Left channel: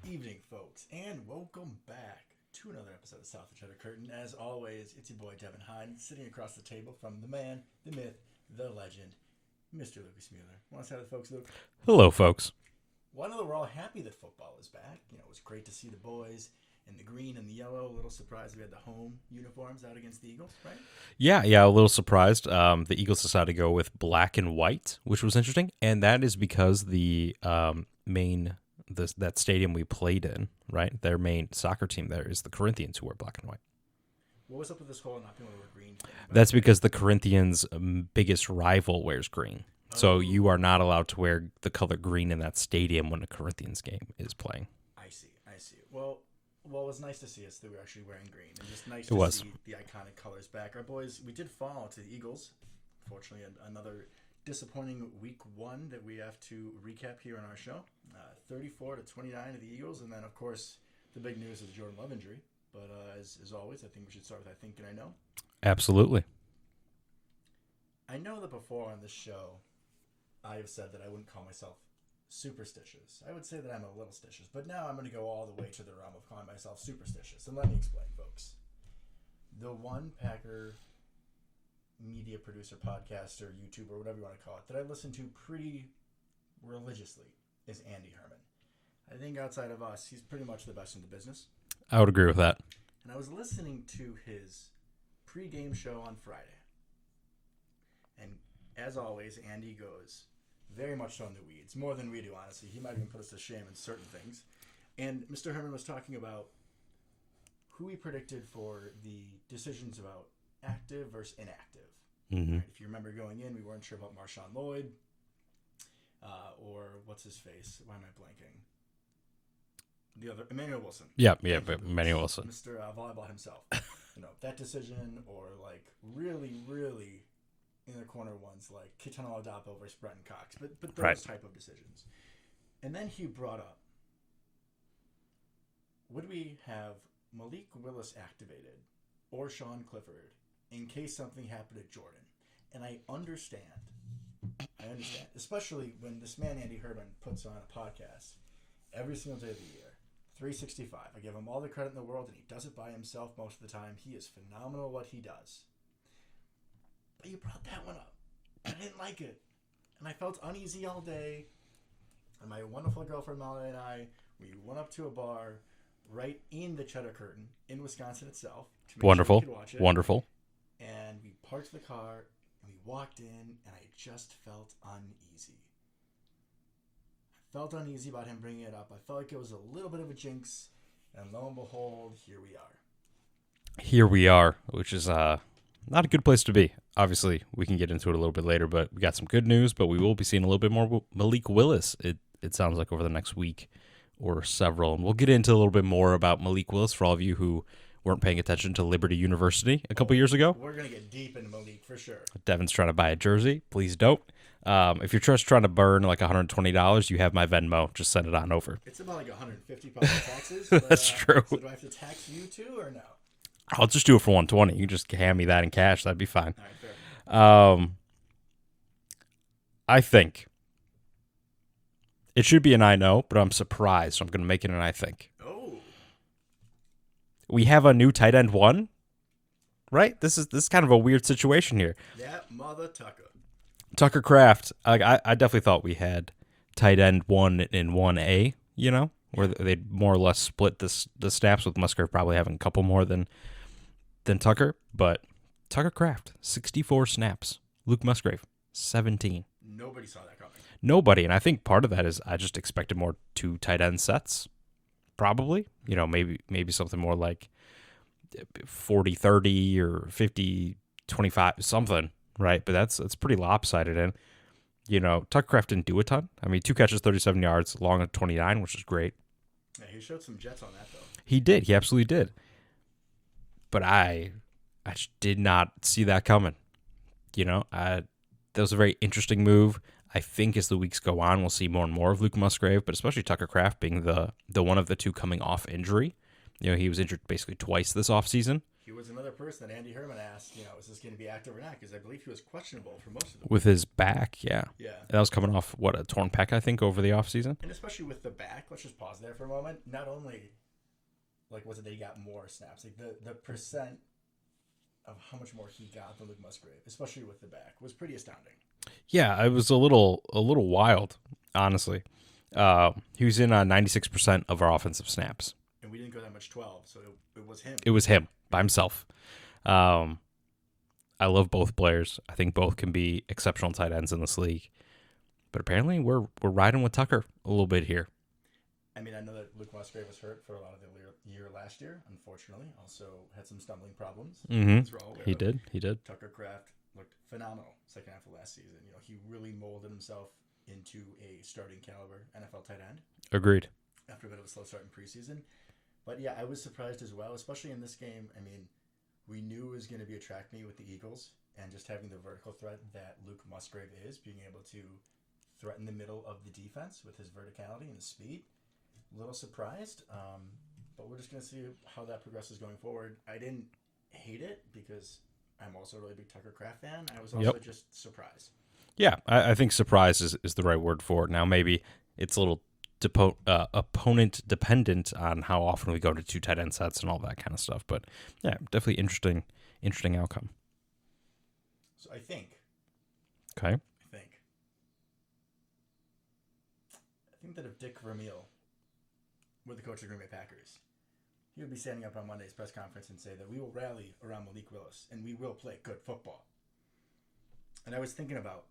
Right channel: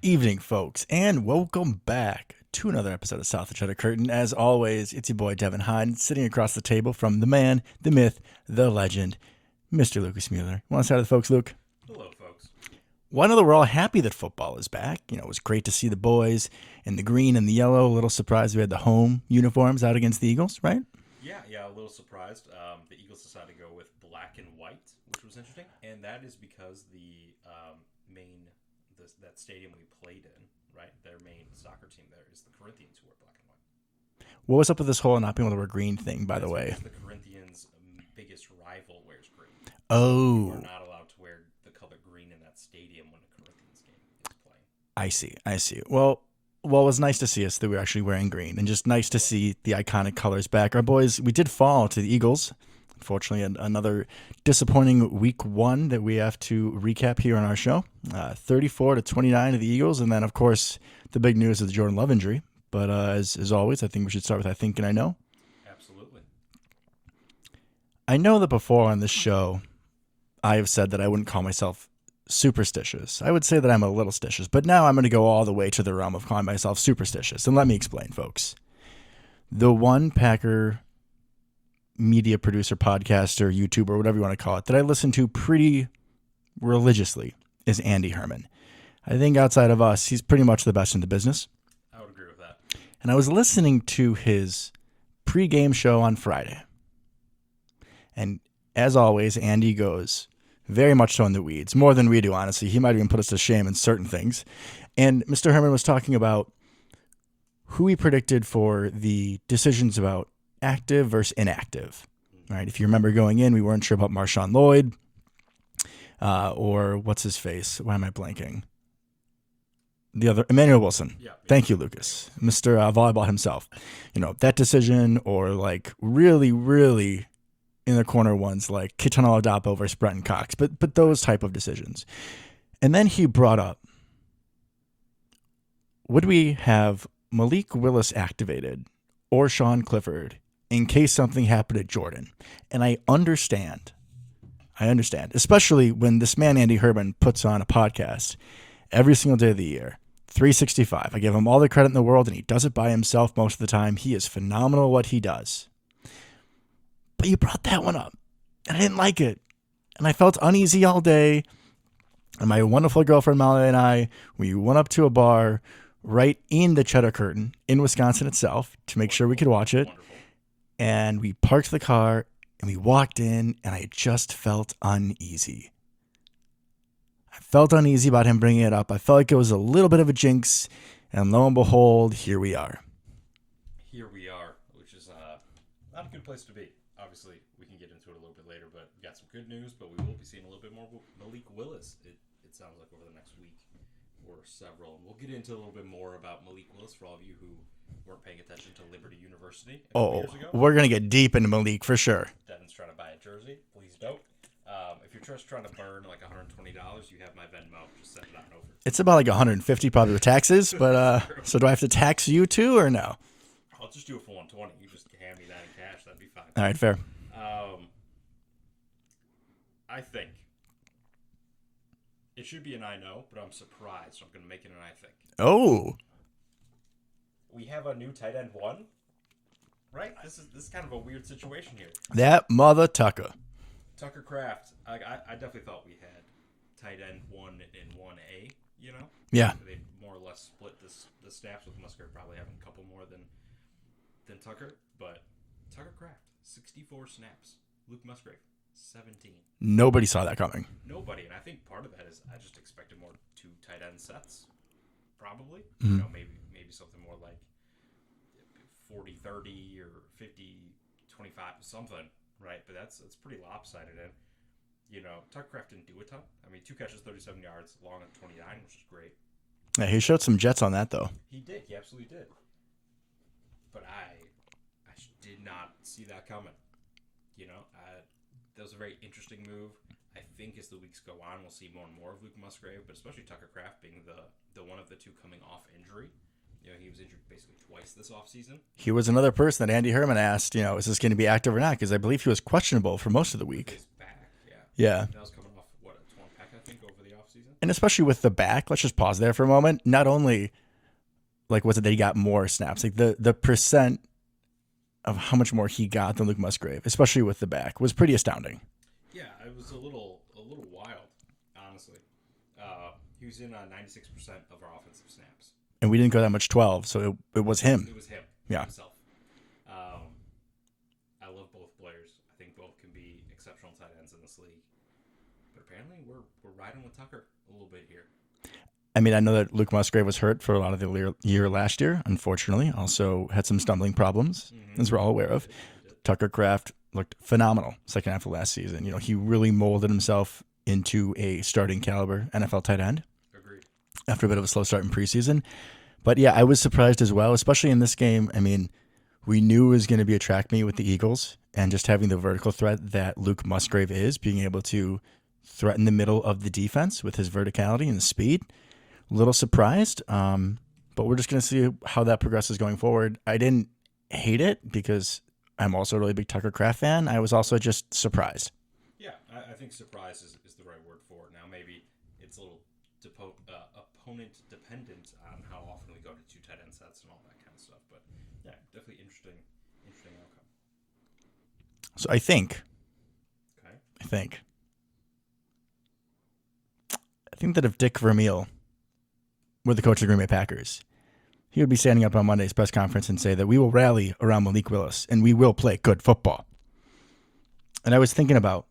Evening, folks, and welcome back to another episode of South of the Cheddar Curtain. As always, it's your boy Devin Hyde, sitting across the table from the man, the myth, the legend, Mr. Lucas Mueller. Want to say hi to the folks, Luke? Hello, folks. Well, I know that we're all happy that football is back. You know, it was great to see the boys in the green and the yellow. A little surprised we had the home uniforms out against the Eagles, right? Yeah, a little surprised. The Eagles decided to go with black and white, which was interesting, and that is because the that stadium we played in, right? Their main soccer team there is the Corinthians, who wear black and white. What was up with this whole not being able to wear green thing, by That's the way? because the Corinthians' biggest rival wears green. Oh. So you are not allowed to wear the color green in that stadium when a Corinthians game is playing. I see. Well, it was nice to see us that we were actually wearing green, and just nice to see the iconic colors back. Our boys, we did fall to the Eagles. Unfortunately, another disappointing week one that we have to recap here on our show. 34-29 to the Eagles, and then, of course, the big news is the Jordan Love injury. But as always, I think we should start with I think and I know. Absolutely. I know that before on this show, I have said that I wouldn't call myself superstitious. I would say that I'm a little stitious, but now I'm going to go all the way to the realm of calling myself superstitious. And let me explain, folks. The one Packer media producer, podcaster, YouTuber, whatever you want to call it, that I listen to pretty religiously is Andy Herman. I think outside of us, he's pretty much the best in the business. I would agree with that. And I was listening to his pregame show on Friday. And as always, Andy goes very much so in the weeds, more than we do, honestly. He might even put us to shame in certain things. And Mr. Herman was talking about who he predicted for the decisions about active versus inactive. Mm-hmm. Right? If you remember going in, we weren't sure about Marshawn Lloyd or what's his face? Why am I blanking? The other, Emmanuel Wilson. Yeah. Thank you, Lucas. Emmanuel Wilson. Mr. Volleyball himself. You know, that decision, or like really, really in the corner ones like Kitana Oladapo versus Brenton Cox, but those Right. type of decisions. And then he brought up, would we have Malik Willis activated or Sean Clifford in case something happened to Jordan? And I understand, especially when this man, Andy Herman, puts on a podcast every single day of the year, 365. I give him all the credit in the world, and he does it by himself most of the time. He is phenomenal at what he does. But you brought that one up, and I didn't like it. And I felt uneasy all day. And my wonderful girlfriend, Molly, and I, we went up to a bar right in the Cheddar Curtain in Wisconsin itself to make sure we could watch it. Wonderful. And we parked the car, and we walked in, and I just felt uneasy. I felt uneasy about him bringing it up. I felt like it was a little bit of a jinx, and lo and behold, here we are. Here we are, which is not a good place to be. Obviously, we can get into it a little bit later, but we got some good news, but we will be seeing a little bit more Malik Willis, it sounds like, over the next week or several. And we'll get into a little bit more about Malik Willis for all of you who weren't paying attention to Liberty University a couple years ago. We're going to get deep into Malik for sure. Devin's trying to buy a jersey. Please don't. If you're just trying to burn like $120, you have my Venmo. Just send it on over. It's about like $150 probably the taxes, but That's true. So do I have to tax you too or no? I'll just do it for $120. You can just hand me that in cash. That'd be fine. All right, fair. I think it should be an I know, but I'm surprised, so I'm going to make it an I think. Oh, We have a new tight end one, right? This is kind of a weird situation here. that mother Tucker. Tucker Kraft, I definitely thought we had tight end 1 and 1A, you know? Yeah. They'd more or less split the snaps, with Musgrave probably having a couple more than Tucker. But Tucker Kraft, 64 snaps. Luke Musgrave, 17. Nobody saw that coming. Nobody. And I think part of that is I just expected more 2 tight end sets, probably. Mm-hmm. You know, maybe something more like 40-30 or 50-25, something. Right, but that's pretty lopsided, and you know Tucker Kraft didn't do a ton. I mean, 2 catches, 37 yards, long at 29, which is great. Yeah, he showed some jets on that though. He did, he absolutely did. But I just did not see that coming. You know, that was a very interesting move. I think as the weeks go on, we'll see more and more of Luke Musgrave, but especially Tucker Kraft being the one of the 2 coming off injury. He was injured basically twice this offseason. He was another person that Andy Herman asked, is this going to be active or not? Because I believe he was questionable for most of the week. With his back, yeah. Yeah. That was coming off, a torn pec, I think, over the offseason. And especially with the back, let's just pause there for a moment. Not only, was it that he got more snaps, the percent of how much more he got than Luke Musgrave, especially with the back, was pretty astounding. Yeah, it was a little wild, honestly. He was in 96% of our offensive snaps. And we didn't go that much 12, so it was him. It was him by himself. I love both players. I think both can be exceptional tight ends in this league. But apparently we're riding with Tucker a little bit here. I mean, I know that Luke Musgrave was hurt for a lot of the year last year, unfortunately. Also had some stumbling problems, as we're all aware of. He did. Tucker Kraft looked phenomenal second half of last season. He really molded himself into a starting caliber NFL tight end. Agreed. After a bit of a slow start in preseason. But yeah, I was surprised as well, especially in this game. I mean, we knew it was going to be a track meet with the Eagles, and just having the vertical threat that Luke Musgrave is, being able to threaten the middle of the defense with his verticality and speed. A little surprised, but we're just going to see how that progresses going forward. I didn't hate it because I'm also a really big Tucker Kraft fan. I was also just surprised. Yeah, I think surprise is the right word for it. Now, maybe it's a little opponent dependent on how often we go to two tight end sets and all that kind of stuff. But yeah, definitely interesting outcome. So I think that if Dick Vermeil were the coach of the Green Bay Packers, he would be standing up on Monday's press conference and say that we will rally around Malik Willis and we will play good football. And I was thinking about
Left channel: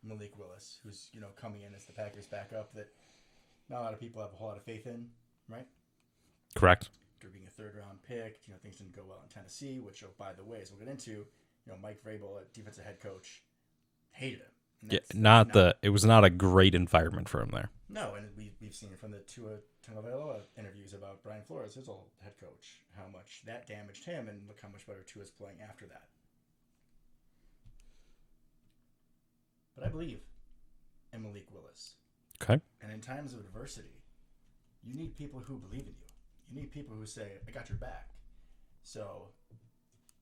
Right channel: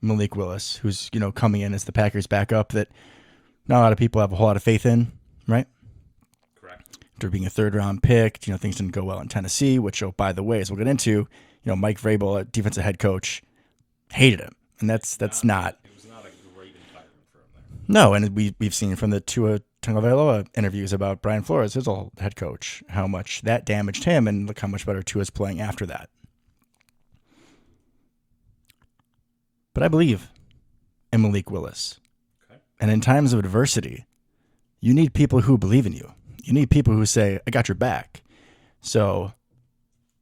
Malik Willis, who's, coming in as the Packers backup that not a lot of people have a whole lot of faith in, right? Correct. After being a third-round pick, things didn't go well in Tennessee, which, by the way, as we'll get into, Mike Vrabel, a defensive head coach, hated him. And that's not it was not a great environment for him there. No, and we've seen from the Tua Tagovailoa interviews about Brian Flores, his old head coach, how much that damaged him, and look how much better Tua's playing after that. But I believe in Malik Willis. Okay. And in times of adversity, you need people who believe in you. You need people who say, I got your back. So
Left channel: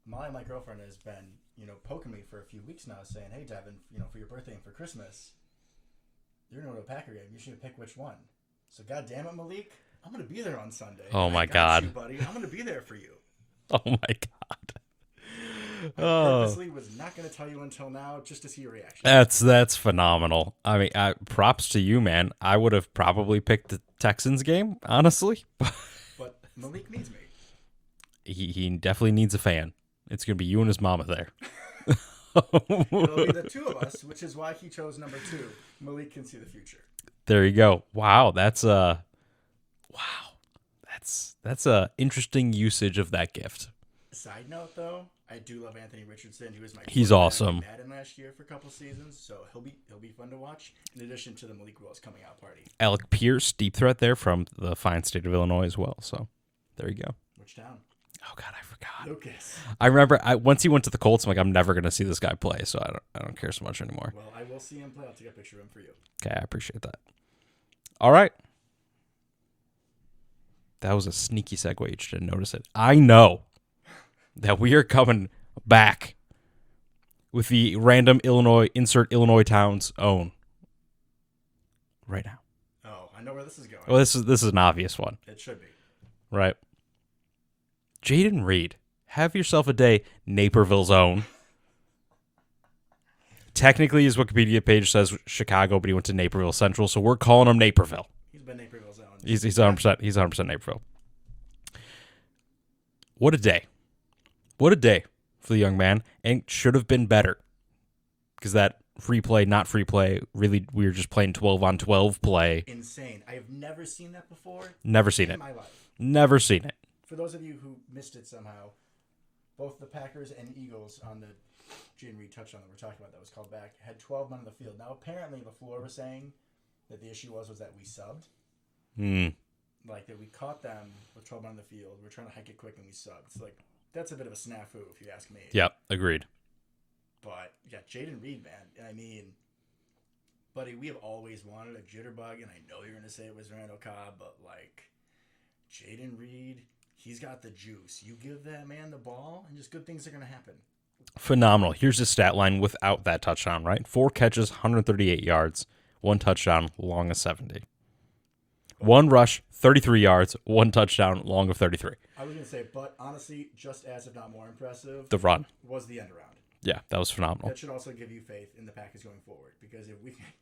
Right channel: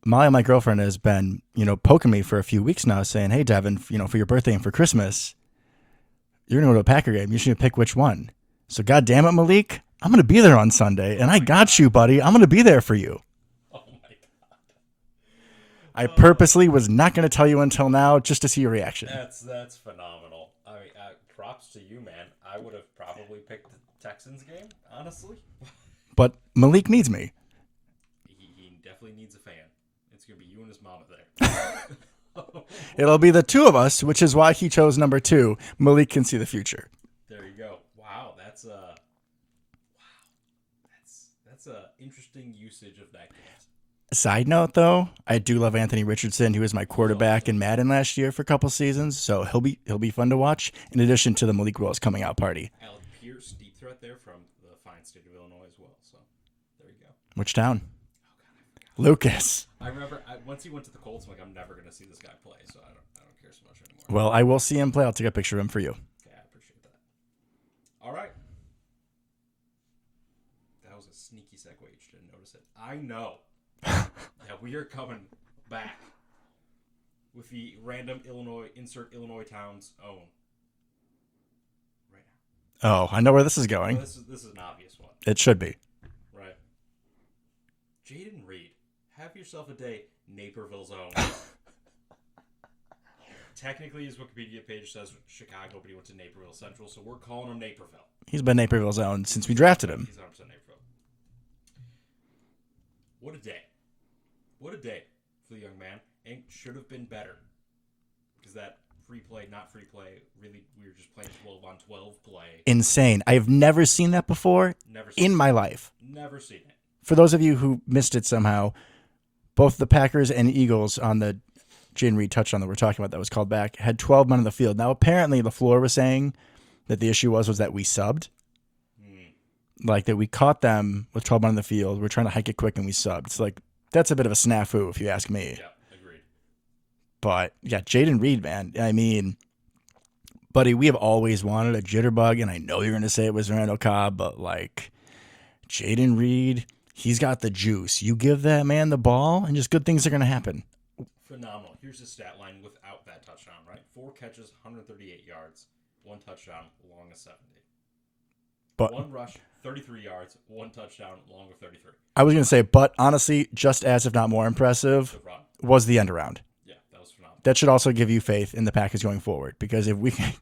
Molly, my girlfriend, has been, poking me for a few weeks now saying, hey, Devin, for your birthday and for Christmas, you're going to go to a Packer game. You should pick which one. So God damn it, Malik, I'm going to be there on Sunday. And I got you, buddy. I'm going to be there for you. Oh, my God. I purposely was not going to tell you until now just to see your reaction. That's phenomenal. I mean, props to you, man. I would have probably picked the Texans game, honestly. But Malik needs me. He definitely needs a fan. It's going to be you and his mama there. It'll be the two of us, which is why he chose number 2. Malik can see the future. There you go. Wow, that's a interesting usage of that gift. Side note, though, I do love Anthony Richardson. He was my quarterback awesome. in Madden last year for a couple seasons, so he'll be fun to watch. In addition to the Malik Willis coming out party. Alec Pierce, deep threat there from the fine state of Illinois as well. So there you go. Which town? Oh God, I forgot. Lucas. I remember once he went to the Colts, I'm like, I'm never gonna see this guy play, so I don't care so much anymore. Well, I will see him play. I'll take a picture of him for you. Okay, I appreciate that. All right. That was a sneaky segue. You just didn't notice it. I know that we are coming back with the random Illinois town's own right now. Oh, I know where this is going. Well, this is an obvious one. It should be. Right. Jaden Reed, have yourself a day, Naperville's own. Technically, his Wikipedia page says Chicago, but he went to Naperville Central, so we're calling him Naperville. He's been Naperville's own since we He's drafted 100%, him. he's 100% Naperville. What a day. What a day for the young man, and should have been better. Because that free play, not free play, really, we were just playing 12-on-12 play. Insane. I have never seen that before. Never seen it. In my life. Never seen it. For those of you who missed it somehow, both the Packers and Eagles on the Jaden Reed touchdown that we're talking about that was called back had 12 men on the field. Now, apparently, LaFleur was saying that the issue was that we subbed. Like that we caught them with 12 men on the field. We're trying to hike it quick and we subbed. It's like, that's a bit of a snafu if you ask me. Yep, agreed. But yeah, Jaden Reed, man. I mean, buddy, we have always wanted a jitterbug, and I know you're going to say it was Randall Cobb, but like Jaden Reed, He's got the juice. You give that man the ball, and just good things are going to happen. Phenomenal. Here's his stat line without that touchdown, right? 4 catches, 138 yards, 1 touchdown, long of 70. But 1 rush, 33 yards, 1 touchdown, long of 33. I was going to say, but honestly, just as if not more impressive, The run. was the end around. Yeah, that was phenomenal. That should also give you faith in the Packers going forward, because if we can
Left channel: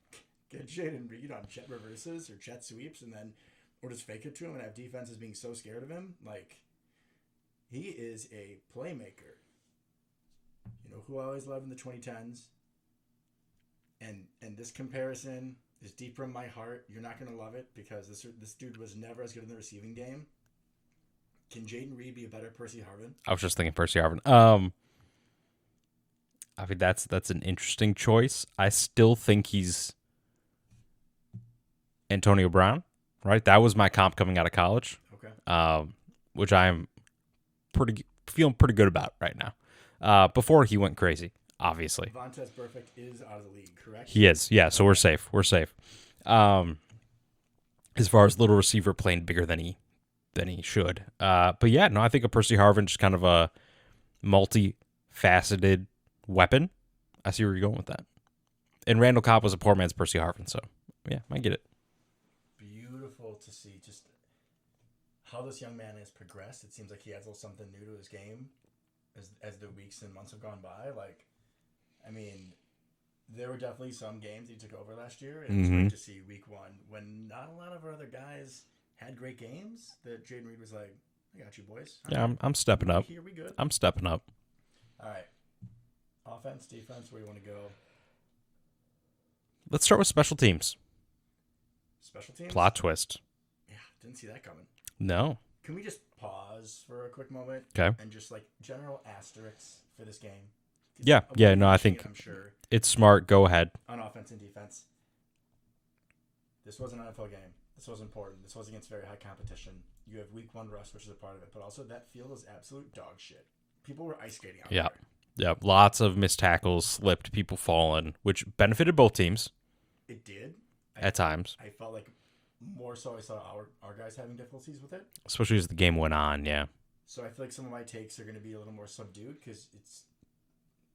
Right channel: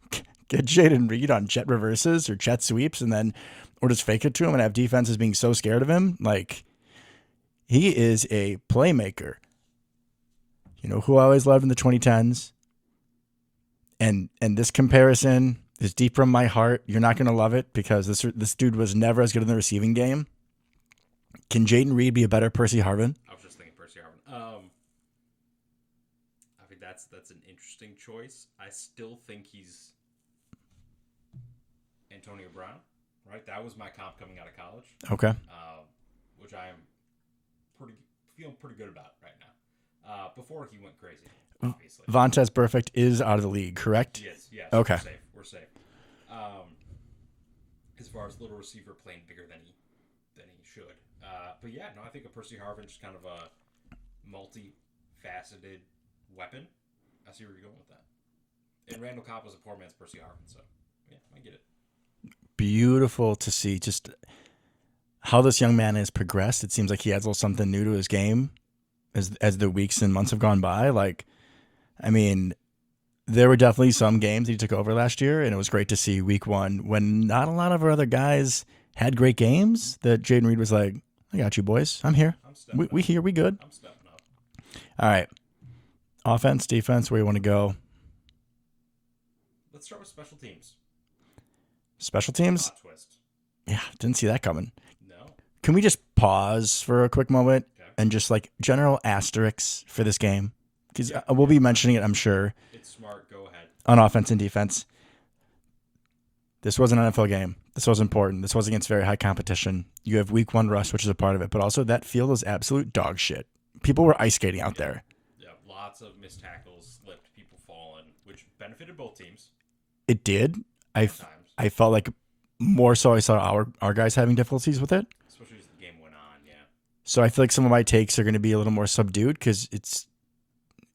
get Jaden Reed on jet reverses or jet sweeps or just fake it to him and have defenses being so scared of him, like, he is a playmaker. You know who I always loved in the 2010s? And this comparison is deep from my heart. You're not going to love it because this dude was never as good in the receiving game. Can Jaden Reed be a better Percy Harvin? I was just thinking Percy Harvin. I mean, that's an interesting choice. I still think he's Antonio Brown, right? That was my comp coming out of college. Okay. Which I am feeling pretty good about right now. Before he went crazy, obviously. Vontaze Burfict is out of the league, correct? He is, yeah. So Okay. we're safe. We're safe. As far as little receiver playing bigger than he should. But yeah, no, I think a Percy Harvin just kind of a multifaceted weapon. I see where you're going with that. And Randall Cobb was a poor man's Percy Harvin, so yeah, I get it. Beautiful to see just how this young man has progressed. It seems like he adds a little something new to his game as the weeks and months have gone by. Like, I mean, there were definitely some games that he took over last year, and it was great to see week 1 when not a lot of our other guys had great games that Jaden Reed was like, I got you, boys. I'm here. I'm stepping up. We here. We good. I'm stepping up. All right. Offense, defense, where you want to go? Let's start with special teams. Special teams? Plot twist. Yeah, didn't see that coming. No. Can we just pause for a quick moment? Okay. And just like general asterisks for this game? 'Cause Yeah. We'll be I mentioning think it, I'm sure, It's smart. Go ahead. on offense and defense. This was an NFL game. This was important. This was against very high competition. You have week 1 rust, which is a part of it, but also that field is absolute dog shit. People were ice skating out there. Yeah. Lots of missed tackles, slipped, people falling, which benefited both teams It did. at times, I felt like more so I saw our guys having difficulties with it. especially as the game went on. Yeah. So I feel like some of my takes are going to be a little more subdued because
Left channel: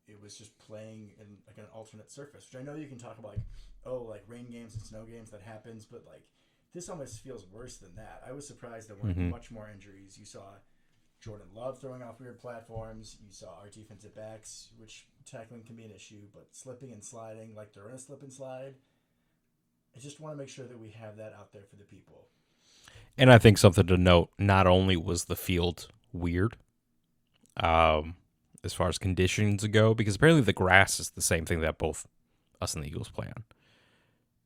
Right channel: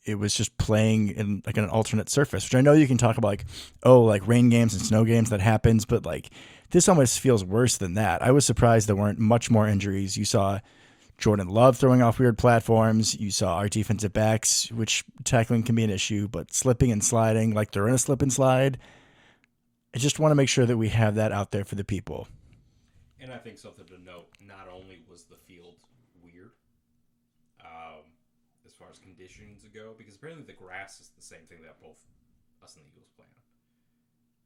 it was just playing in like an alternate surface, which I know you can talk about like rain games and snow games that happens, but like this almost feels worse than that. I was surprised there weren't much more injuries. You saw Jordan Love throwing off weird platforms. You saw our defensive backs, which tackling can be an issue, but slipping and sliding, like they're in a slip and slide. I just want to make sure that we have that out there for the people. And I think something to note, not only was the field weird, as far as conditions go, because apparently the grass is the same thing that both us and the Eagles play on,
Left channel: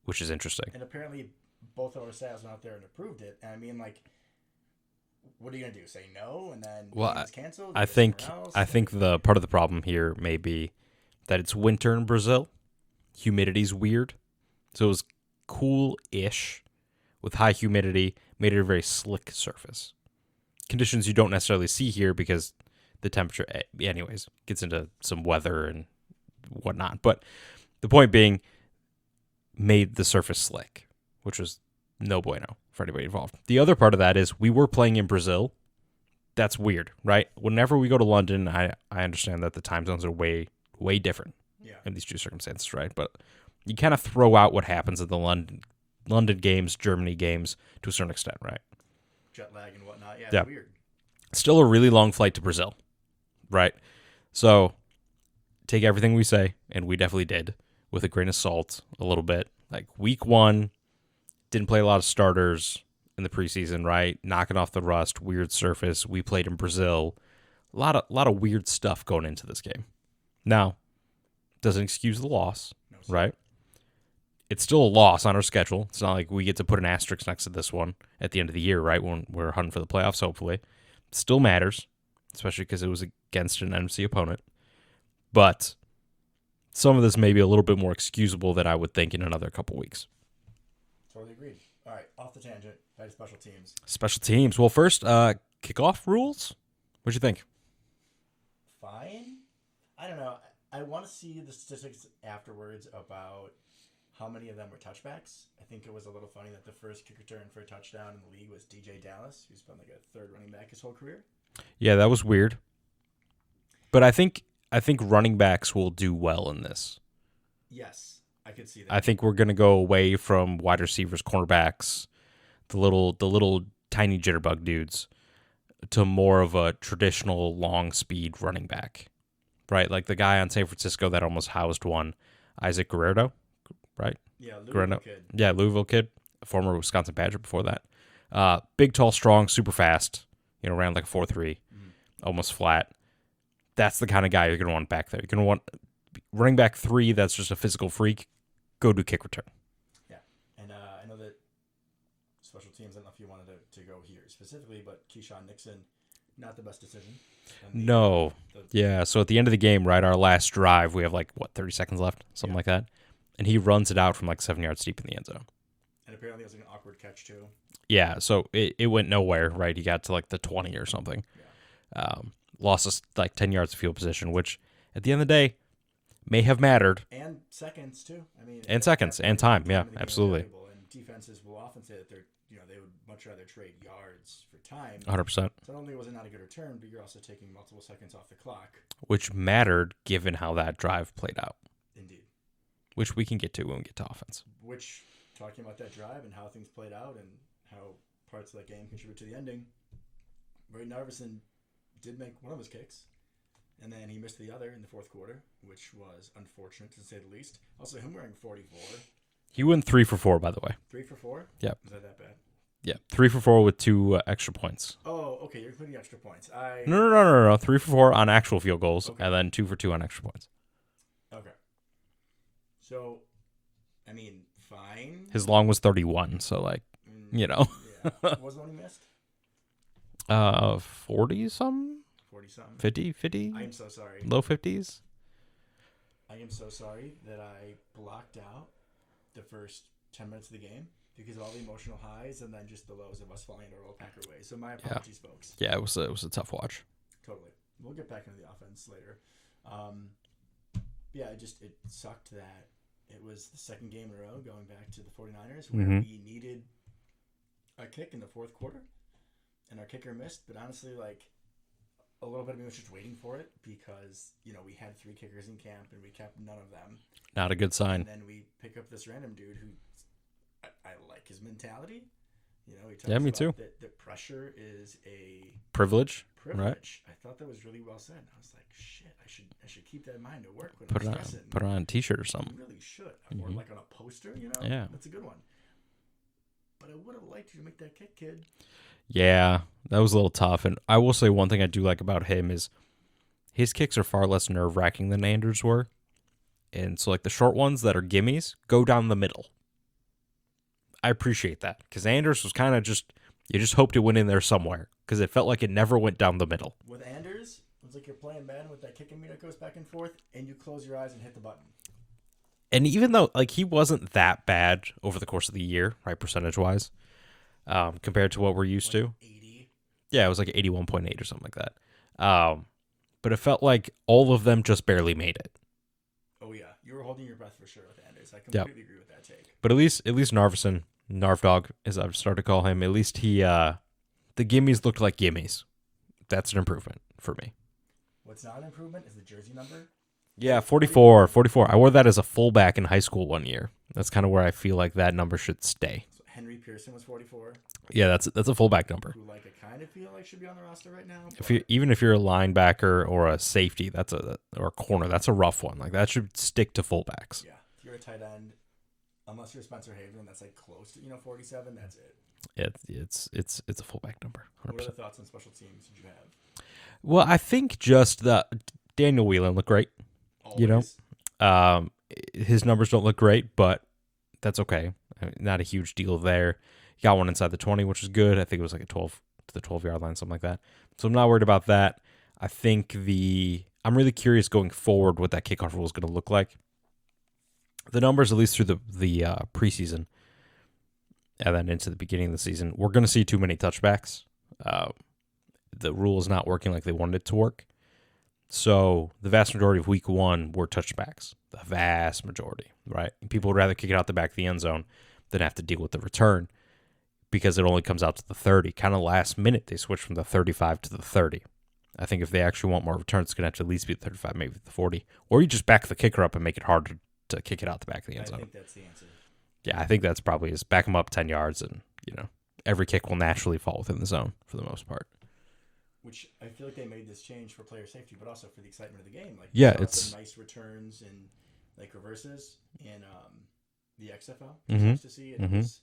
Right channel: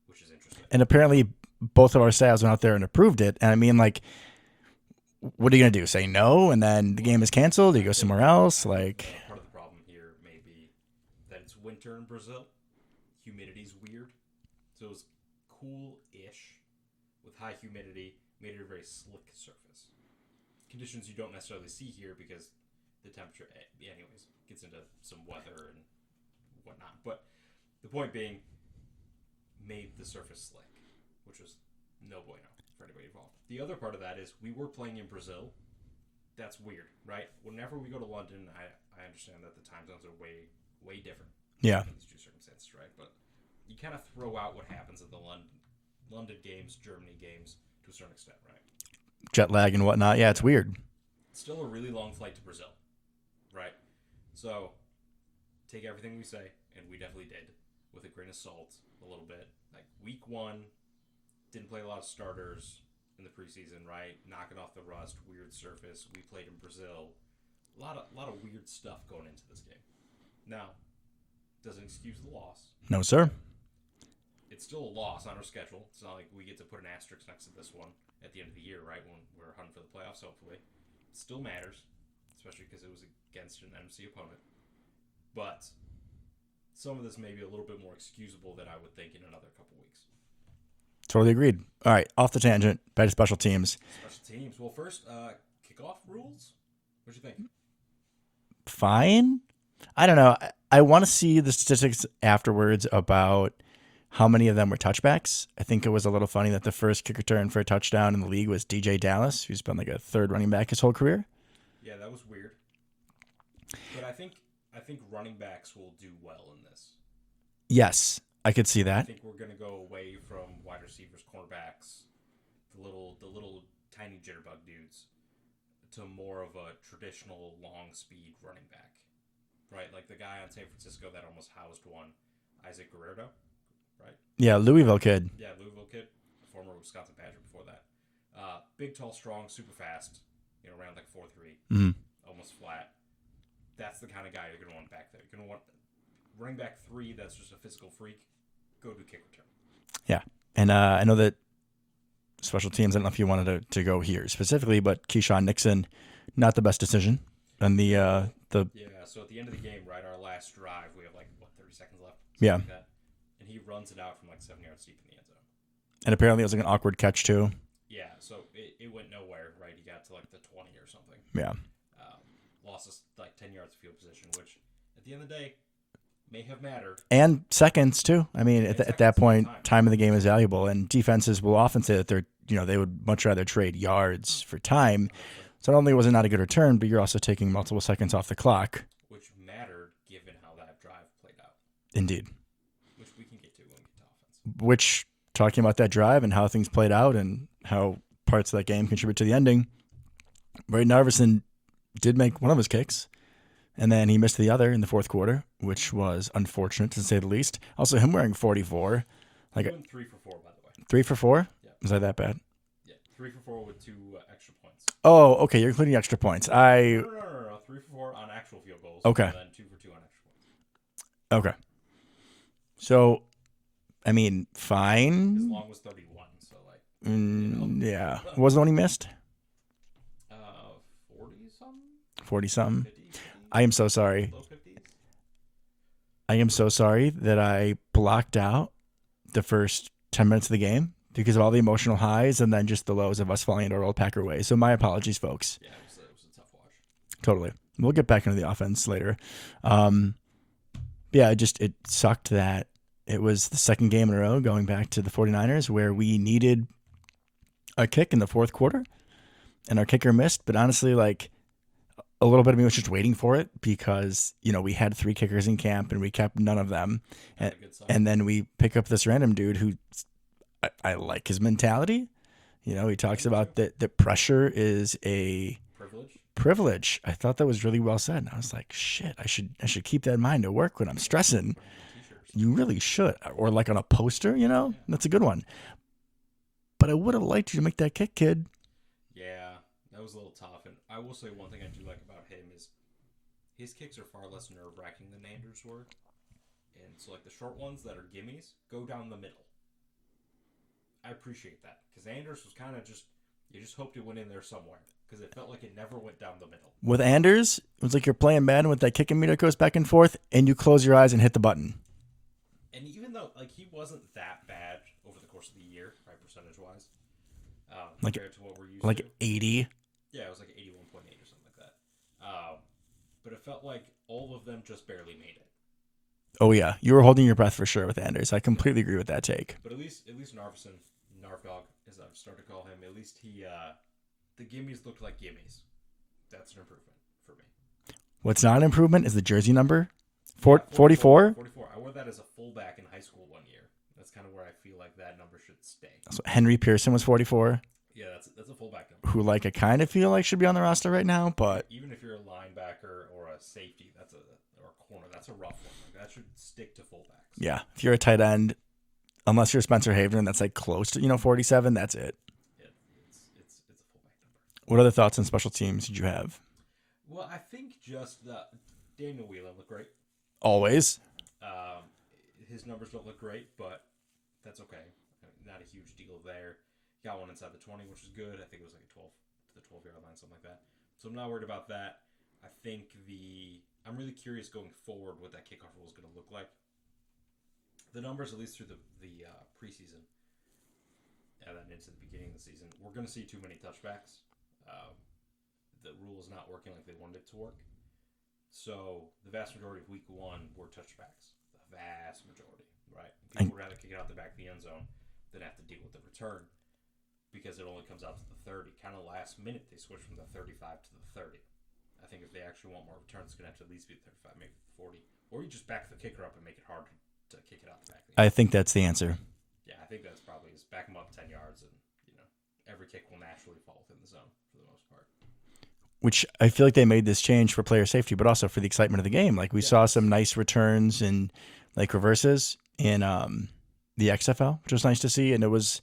which is interesting. And apparently both of our staffs went out there and approved it. And I mean, like, what are you going to do? Say no, and then the game is canceled? Or you go somewhere else? I think the part of the problem here may be that it's winter in Brazil. Humidity's weird. So it was cool-ish with high humidity, made it a very slick surface. Conditions you don't necessarily see here because the temperature, anyways, gets into some weather and whatnot. But the point being, made the surface slick, which was no bueno for anybody involved. The other part of that is we were playing in Brazil. That's weird, right? Whenever we go to London, I understand that the time zones are way, way different in these two circumstances, right? But you kind of throw out what happens at the London games, Germany games to a certain extent, right? Jet lag and whatnot. Yeah, it's weird. Still a really long flight to Brazil, right? So take everything we say, and we definitely did, with a grain of salt a little bit. Like week 1, didn't play a lot of starters in the preseason, right? Knocking off the rust, weird surface. We played in Brazil. A lot of weird stuff going into this game. Now, doesn't excuse the loss. No, sir. Right? It's still a loss on our schedule. It's not like we get to put an asterisk next to this one at the end of the year, right? When we're hunting for the playoffs, hopefully. It still matters, especially because it was against an NFC opponent. But some of this may be a little bit more excusable than I would think in another couple weeks. Totally agreed. All right, off the tangent, back to special teams. Special teams. Well, first, kickoff rules. What'd you think? Fine. I don't know. I want to see the statistics afterwards about how many of them were touchbacks. I think it was a little funny that the first kick return for a touchdown in the league was DJ Dallas, who's been like a third running back his whole career. Yeah, that was weird. But I think running backs will do well in this. Yes, I could see that. I think we're going to go away from wide receivers, cornerbacks, the little tiny jitterbug dudes, to more of a traditional long speed running back, right? Like the guy on San Francisco that almost housed one, Isaac Guerrero, right? Yeah, Louisville kid. Yeah, Louisville kid, former Wisconsin Badger before that. Big, tall, strong, super fast. Ran like a 4.3, almost flat. That's the kind of guy you're going to want back there. You're going to want running back 3 that's just a physical freak. Go do kick return. Yeah. And I know that special teams, I don't know if you wanted to go here specifically, but Keyshawn Nixon, not the best decision. And So at the end of the game, right, our last drive, we have 30 seconds left, something like that. And he runs it out from 7 yards deep in the end zone. And apparently it was an awkward catch too. Yeah, so it went nowhere, right? He got to the 20 or something. Yeah. Lost us 10 yards of field position, which at the end of the day may have mattered. And seconds too. I mean, at that point, time of the game is valuable, and defenses will often say that they would much rather trade yards for time. 100%. So not only was it not a good return, but you're also taking multiple seconds off the clock. Which mattered given how that drive played out. Indeed. Which we can get to when we get to offense. Which, talking about that drive and how things played out and how parts of that game contribute to the ending, Braden Narveson did make one of his kicks, and then he missed the other in the fourth quarter, which was unfortunate to say the least. Also, him wearing 44. He went 3 for 4, by the way. 3 for 4? Yeah. Was that bad? Yeah. 3 for 4 with 2 extra points. Oh, okay. You're including extra points. No. 3 for 4 on actual field goals. Okay. And then 2 for 2 on extra points. Okay. So, I mean, fine. His long was 31, so Yeah. What was the one he missed? 40-something? 40-something. 50? I am so sorry. Low 50s? I am so sorry that I blocked out the first 10 minutes of the game because of all the emotional highs and then just the lows of us falling into our old Packer way. So my apologies, folks. Yeah, it was a tough watch. Totally. We'll get back into the offense later. It sucked that it was the second game in a row going back to the 49ers where we needed a kick in the fourth quarter and our kicker missed. But honestly, a little bit of me was just waiting for it because, we had 3 kickers in camp and we kept none of them. Not a good sign. And then we pick up this random dude who I like his mentality. He talks about that pressure is a privilege. I thought that was really well said. And I was like, shit, I should keep that in mind at work when I'm stressing. Put it on a t-shirt or something. You really should. Or on a poster, Yeah. That's a good one. But I would have liked you to make that kick, kid. Yeah, that was a little tough. And I will say one thing I do like about him is his kicks are far less nerve-wracking than Anders were. And so the short ones that are gimmies go down the middle. I appreciate that because Anders was kind of you just hoped it went in there somewhere because it felt like it never went down the middle. With Anders, it was like you're playing Madden with that kicking meter goes back and forth and you close your eyes and hit the button. And even though he wasn't that bad over the course of the year, right, percentage-wise, compared to what we're used to. 80. Yeah, it was 81.8 or something like that. But it felt like all of them just barely made it. Oh, yeah. You were holding your breath for sure with Anders. I completely agree with that take. But at least Narveson, Narvdog, as I've started to call him, at least the gimmies looked like gimmies. That's an improvement for me. What's not an improvement is the jersey number. 44. I wore that as a fullback in high school one year. That's kind of where I feel like that number should stay. So Henry Pearson was 44. Yeah, that's a fullback number. Who I kind of feel like should be on the roster right now. But even if you're a linebacker or a safety, or a corner, that's a rough one. That should stick to fullbacks. Yeah, if you're a tight end, unless you're Spencer Haven, that's close to 47. That's it. It's a fullback number. 100%. What other thoughts on special teams did you have? Well, I think just that Daniel Whelan looked great. Always. His numbers don't look great, but that's okay. Not a huge deal there. He got one inside the 20, which is good. I think it was a 12 to the 12-yard line, something like that. So I'm not worried about that. I think I'm really curious going forward what that kickoff rule is going to look like. The numbers, at least through the preseason and then into the beginning of the season, we're going to see too many touchbacks. The rule is not working like they wanted it to work. So the vast majority of week 1 were touchbacks. The vast majority. right? People would rather kick it out the back of the end zone than have to deal with the return because it only comes out to the 30. Kind of last minute, they switched from the 35 to the 30. I think if they actually want more returns, it's going to have to at least be the 35, maybe the 40. Or you just back the kicker up and make it harder to kick it out the back of the end zone. I think that's the answer. Yeah, I think that's probably is back them up 10 yards and, every kick will naturally fall within the zone for the most part. Which I feel like they made this change for player safety, but also for the excitement of the game. Like we saw some nice returns and like reverses in the XFL, which was nice to see. And it was,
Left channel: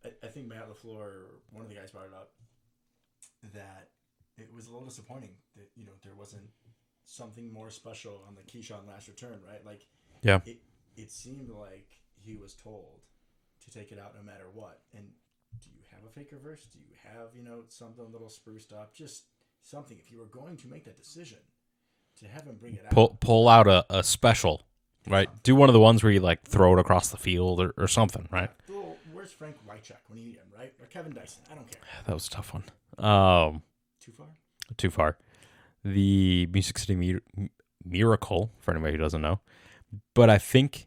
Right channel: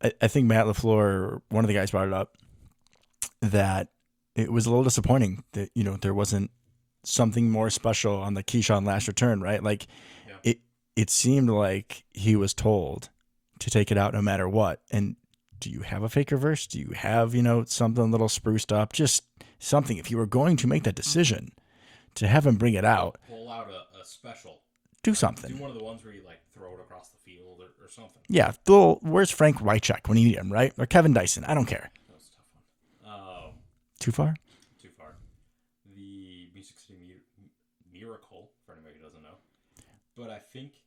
I think Matt LaFleur, one of the guys brought it up, that it was a little disappointing that, there wasn't something more special on the Keyshawn last return, right? Like it seemed like he was told to take it out no matter what. And do you have a fake reverse? Do you have, something a little spruced up? Just something. If you were going to make that decision, to have him bring it out. Pull out a special. Do something. Do one of the ones where you, throw it across the field or something. Right? Yeah. Where's Frank Wycheck when you need him, right? Or Kevin Dyson. I don't care. That was a tough one. Too far? Too far. The Music City Miracle, for anybody who doesn't know. But I think...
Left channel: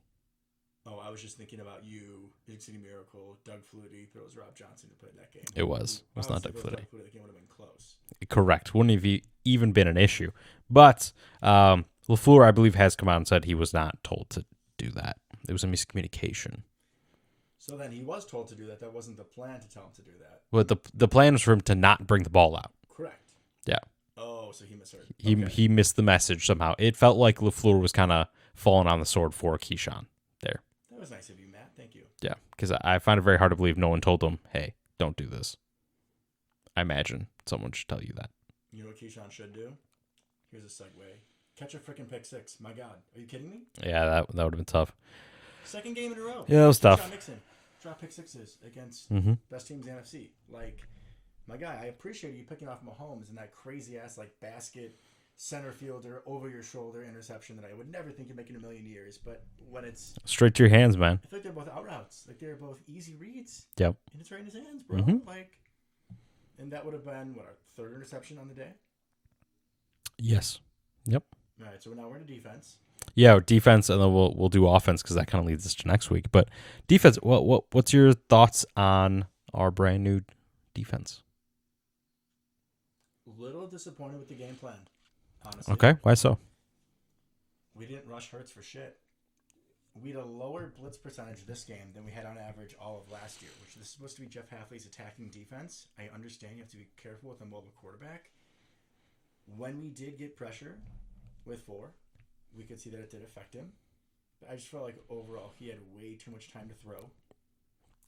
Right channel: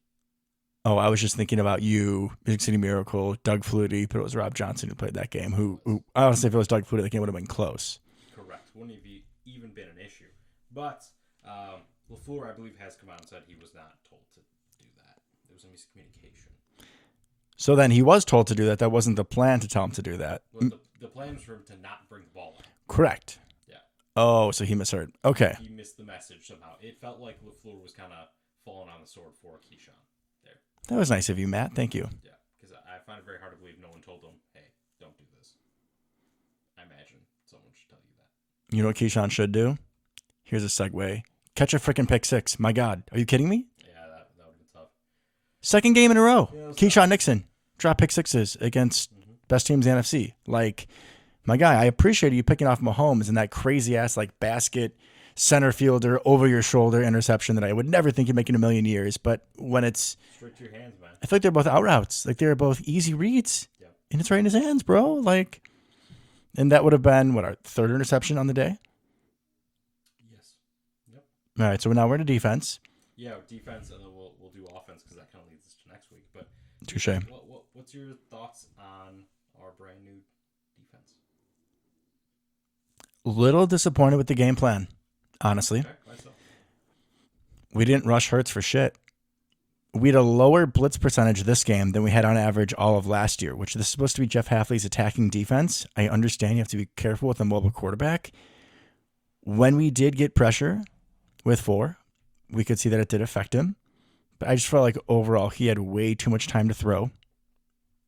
Oh, I was just thinking about you, Music City Miracle, Doug Flutie, but it was Rob Johnson who played that game. It was. Honestly, if it was Doug Flutie, the game would have been close. Correct. Wouldn't have even been an issue. But LaFleur, I believe, has come out and said he was not told to do that. It was a miscommunication. So then he was told to do that. That wasn't the plan to tell him to do that. Well, the plan was for him to not bring the ball out. Correct. Yeah. Oh, so he misheard. Okay. He missed the message somehow. It felt like LaFleur was kind of falling on the sword for Keyshawn there. That was nice of you, Matt. Thank you. Yeah, because I find it very hard to believe no one told him, hey, don't do this. I imagine someone should tell you that. You know what Keyshawn should do? Here's a segue. Catch a freaking pick six. My God. Are you kidding me? Yeah, that would have been tough. Second game in a row. Yeah, it was Keyshawn tough. Nixon. Drop pick sixes against best teams in the NFC. Like, my guy, I appreciate you picking off Mahomes and that crazy-ass, basket center fielder over your shoulder interception that I would never think you'd make in a million years. But when it's straight to your hands, man. I feel like they're both out routes. Like they're both easy reads. Yep. And it's right in his hands, bro. And that would have been our third interception on the day. Yes. Yep. All right. So now we're to defense. Yeah, defense, and then we'll do offense because that kind of leads us to next week. But defense, what's your thoughts on our brand new defense? Little disappointed with the game plan. Honestly. Okay, why so? We didn't rush Hurts for shit. We had a lower blitz percentage this game than we had on average all of last year, which this is supposed to be Jeff Hafley's attacking defense. I understand you have to be careful with a mobile quarterback. When we did get pressure with 4, we could see that it did affect him. But I just felt like overall he had way too much time to throw.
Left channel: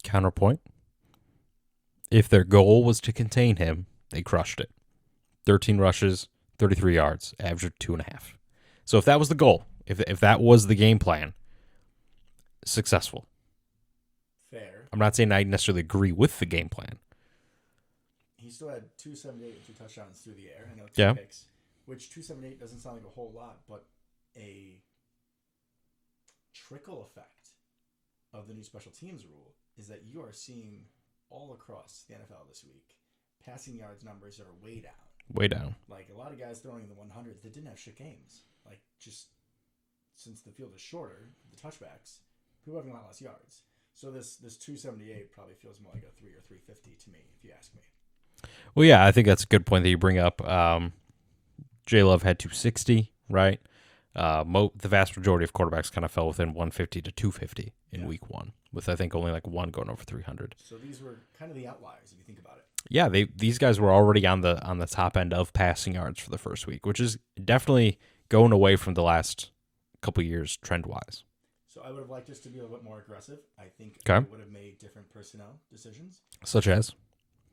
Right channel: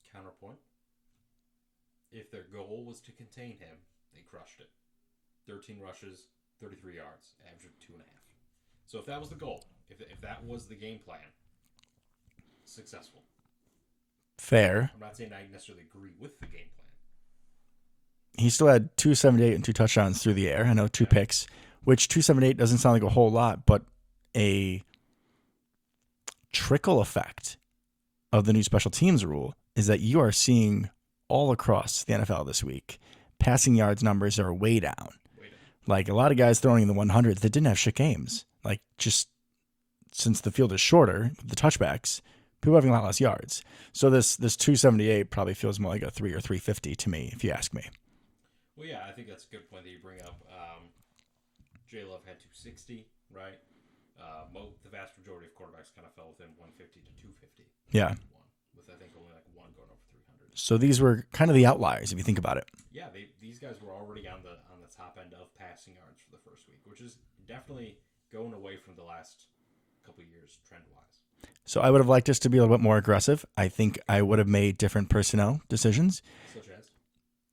Counterpoint. If their goal was to contain him, they crushed it. 13 rushes, 33 yards, average 2.5. So if that was the goal, if that was the game plan, successful. Fair. I'm not saying I necessarily agree with the game plan. He still had 278 and 2 touchdowns through the air. I know 2 picks, which 278 doesn't sound like a whole lot, but a trickle effect of the new special teams rule is that you are seeing all across the NFL this week. Passing yards numbers are way down. Way down. Like a lot of guys throwing in the 100s that didn't have shit games. Like just since the field is shorter, the touchbacks, people having a lot less yards. So this 278 probably feels more like a 3 or 350 to me, if you ask me. Well, yeah, I think that's a good point that you bring up. J Love had 260, right? The vast majority of quarterbacks kind of fell within 150 to 250 in week 1. With, I think, only one going over 300. So these were kind of the outliers, if you think about it. Yeah, these guys were already on the top end of passing yards for the first week, which is definitely going away from the last couple years trend-wise. So I would have liked us to be a little bit more aggressive. I think I would have made different personnel decisions. Such as?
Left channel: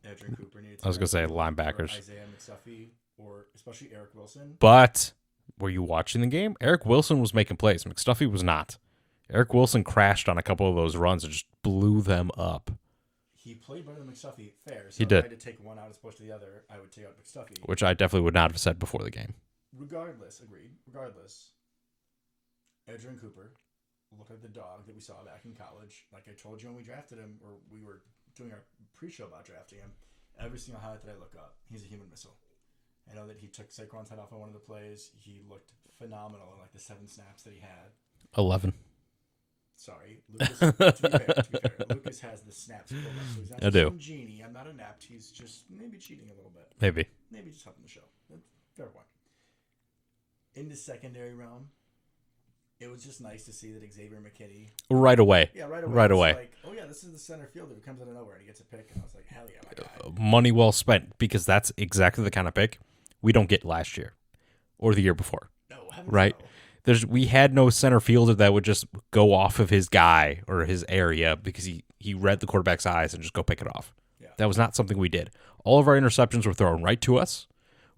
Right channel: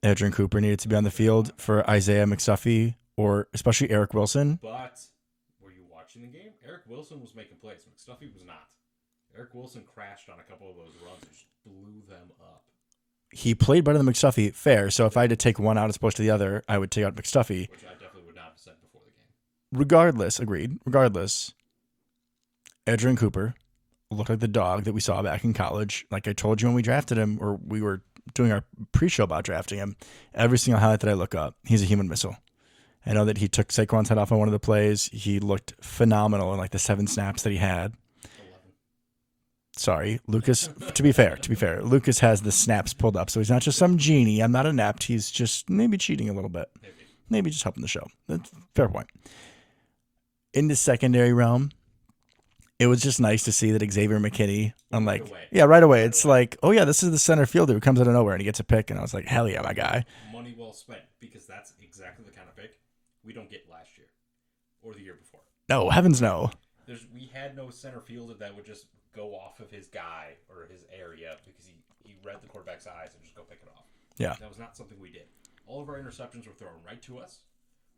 Adrian Cooper needed to be on the field for Isaiah McSuffy or especially Eric Wilson. But were you watching the game? Eric Wilson was making plays. McStuffy was not. Eric Wilson crashed on a couple of those runs and just blew them up. He played better than McStuffy, fair. So if I had to take one out as opposed to the other, I would take out McStuffy. Which I definitely would not have said before the game. Agreed. Regardless, Adrian Cooper looked like the dog that we saw back in college. Like I told you when we drafted him, or we were doing our pre-show about drafting him, every single highlight that I look up, he's a human missile. I know that he took Saquon's head off on one of the plays. He looked phenomenal in the 7 snaps that he had. 11. Sorry, Lucas. To be fair, Lucas has the snaps pulled up, so he's not just some genie. I'm not inept. He's just maybe cheating a little bit. Maybe just helping the show. That's fair point. In the secondary realm, it was just nice to see that Xavier McKinney right away. Yeah, right away. It's like, oh yeah, this is the center fielder who comes out of nowhere and he gets a pick, and I was like, hell yeah, my guy. Money well spent, because that's exactly the kind of pick we don't get last year or the year before. No, heavens no. We had no center fielder that would just go off of his guy or his area because he read the quarterback's eyes and just go pick it off. Yeah. That was not something we did. All of our interceptions were thrown right to us,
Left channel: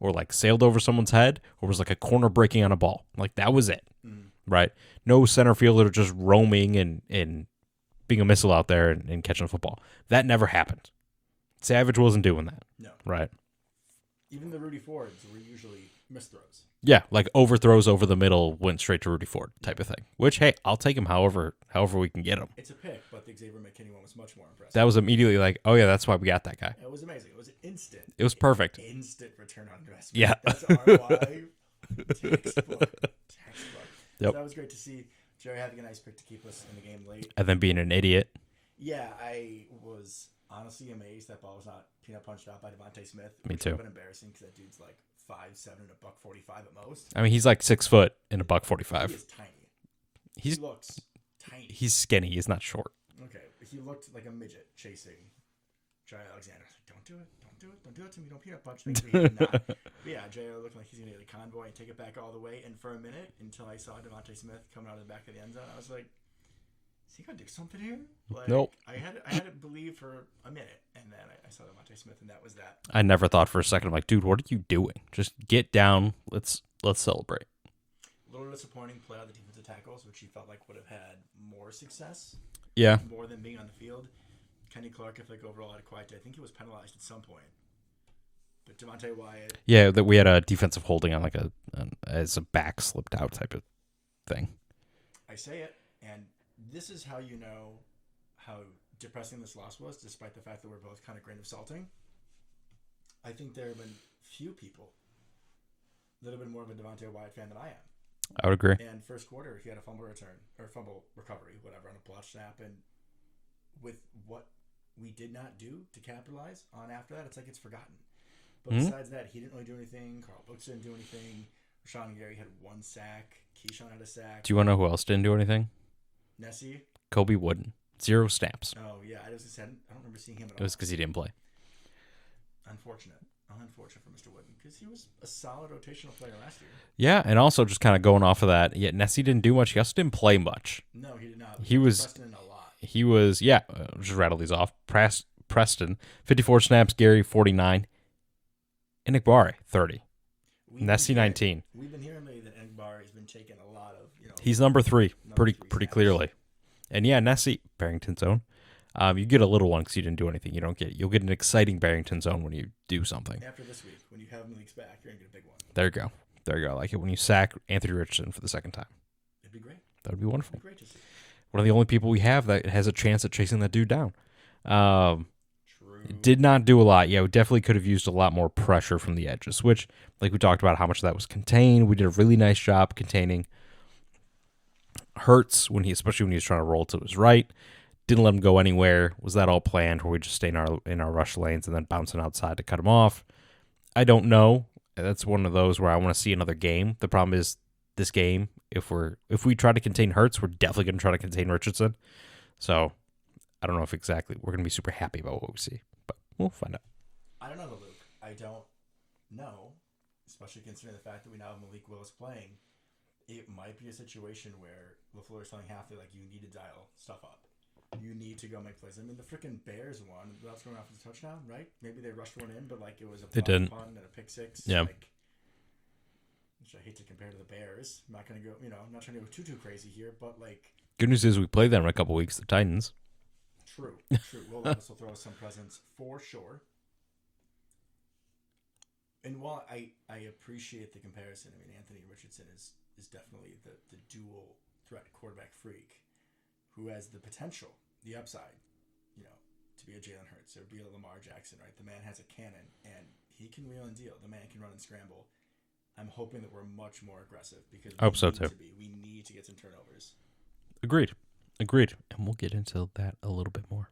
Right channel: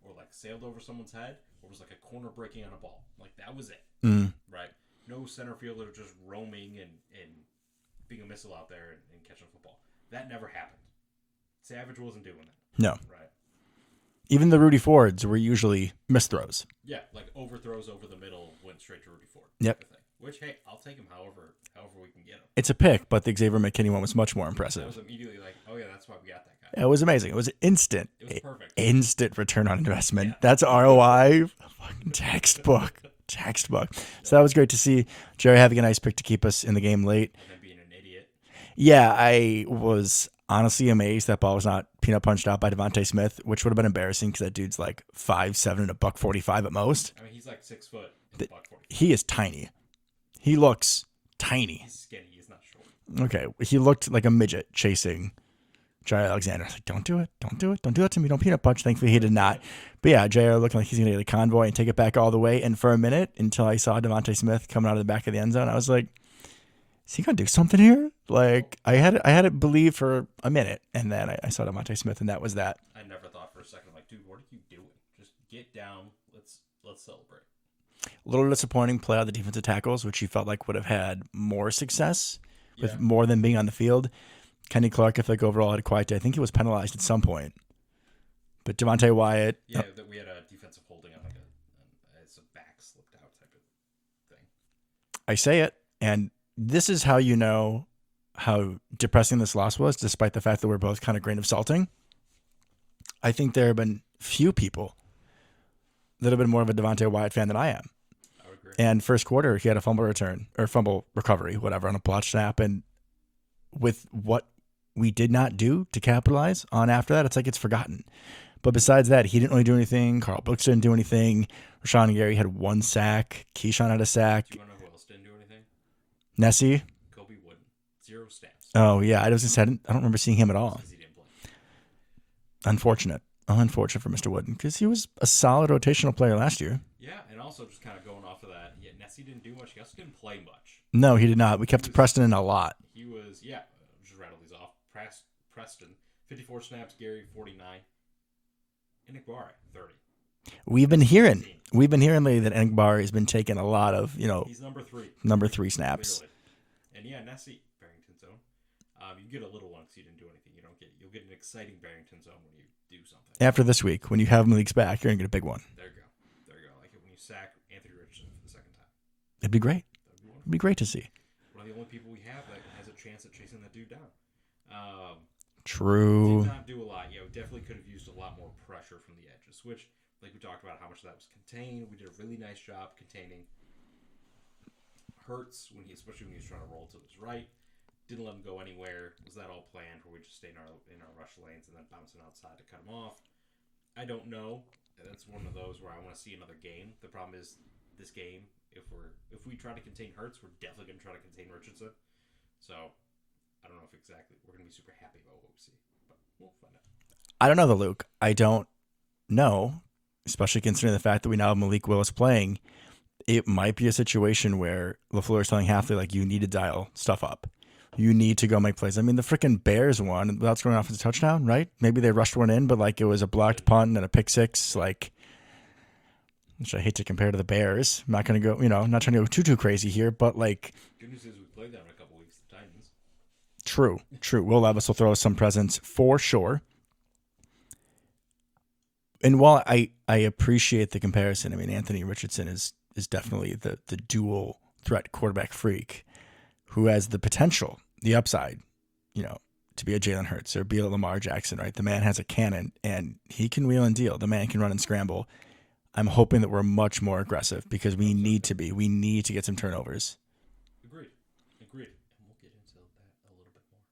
or like sailed over someone's head, or was like a corner breaking on a ball. Like that was it. Right? No center fielder just roaming and being a missile out there and catching a football. That never happened. Savage wasn't doing that. No. Right? Even the Rudy Fords were usually misthrows. Yeah, like overthrows over the middle went straight to Rudy Ford type of thing. Which, hey, I'll take him however we can get him. It's a pick, but the Xavier McKinney one was much more impressive. That was immediately like, oh yeah, that's why we got that guy. It was amazing. It was instant. It was perfect. Instant return on investment. Yeah. That's ROI. Textbook. Yep. So that was great to see Jerry having a nice pick to keep us in the game late. And then being an idiot. Yeah, I was honestly amazed that ball was not peanut punched out by Devontae Smith, which would have been embarrassing because that dude's like 5'7" and $145 at most. I mean, he's like 6 foot and $145. He is tiny. He looks tiny. He's skinny. He's not short. Okay. He looked like a midget chasing Jair Alexander. I was like, don't do it. Don't do it. Don't do that to me. Don't peanut punch. Thankfully, he did not. But yeah, Jair looked like he's going to get a convoy and take it back all the way. And for a minute, until I saw Devontae Smith coming out of the back of the end zone, I was like, is he going to do something here? Like, nope. I had it believe for a minute, and then I saw Devontae Smith, and that was that. I never thought for a second, I'm like, dude, what are you doing? Just get down. Let's celebrate. A little disappointing play on the defensive tackles, which you felt like would have had more success. Yeah. More than being on the field. Kenny Clark, I think overall had a quiet day. I think he was penalized at some point. But Devontae Wyatt. Yeah, that we had a defensive holding on like as a back slipped out type of thing. I say it, and this is how you know how depressing this loss was, despite the fact that we're both kind of grain of salting. I think there have been few people that have been more of a Devontae Wyatt fan than I am. I would agree. And first quarter, he had a fumble return or fumble recovery, whatever, on a blotch snap. And with what we did not do to capitalize on after that, it's like it's forgotten. But besides that, he didn't really do anything. Carl Brooks didn't do anything. Rashawn Gary had 1 sack. Keyshawn had a sack. Do you want to know who else didn't do anything? Nessie. Kobe Wooden. 0 snaps. Oh, yeah. I don't remember seeing him at all. That's because he didn't play. Unfortunate for Mr. Wooden, because he was a solid rotational player last year. Yeah, and also just kind of going off of that, yeah, Nessie didn't do much. He also didn't play much. No, he did not. We kept Preston in a lot. He was, just rattle these off. Preston, 54 snaps. Gary, 49. And Igbari, 30. We've been hearing lately that Igbari has been taking a lot of, he's number 3. Number 3 snaps. Clearly. And yeah, Nessie, Barrington zone. You get a little one because you didn't do anything. You'll get an exciting Barrington zone when you do something. After this week, when you have Malik's back, you're going to get a big one. There you go. I like it when you sack Anthony Richardson for the second time. It'd be great. That would be wonderful. It'd be great to see. One of the only people we have that has a chance at chasing that dude down. True. Did not do a lot. Yeah, we definitely could have used a lot more pressure from the edges, which, like we talked about, how much of that was contained. We did a really nice job containing Hurts, especially when he was trying to roll to his right. Didn't let him go anywhere. Was that all planned, or we just stay in our rush lanes and then bouncing outside to cut him off? I don't know. That's one of those where I want to see another game. The problem is this game, if we try to contain Hurts, we're definitely going to try to contain Richardson. So I don't know if exactly we're going to be super happy about what we see, but we'll find out. I don't know, Luke. I don't know, especially considering the fact that we now have Malik Willis playing. It might be a situation where LaFleur is telling Halfley, like, you need to dial stuff up. You need to go make plays. I mean, the freaking Bears won without scoring off as a touchdown, right? Maybe they rushed one in, but like it was a blocked punt and a pick six. Yep. Like, which I hate to compare to the Bears. I'm not going to go, not trying to go too crazy here, but like. Good news is we play them in a couple weeks, the Titans. True. Will Levis will throw us some presents for sure. And while I appreciate the comparison, I mean, Anthony Richardson is definitely the dual threat quarterback freak who has the potential, the upside, to be a Jalen Hurts or be a Lamar Jackson, right? The man has a cannon and he can wheel and deal. The man can run and scramble. I'm hoping that we're much more aggressive because we need to be. We need to get some turnovers. Agreed. Agreed. And we'll get into that a little bit more.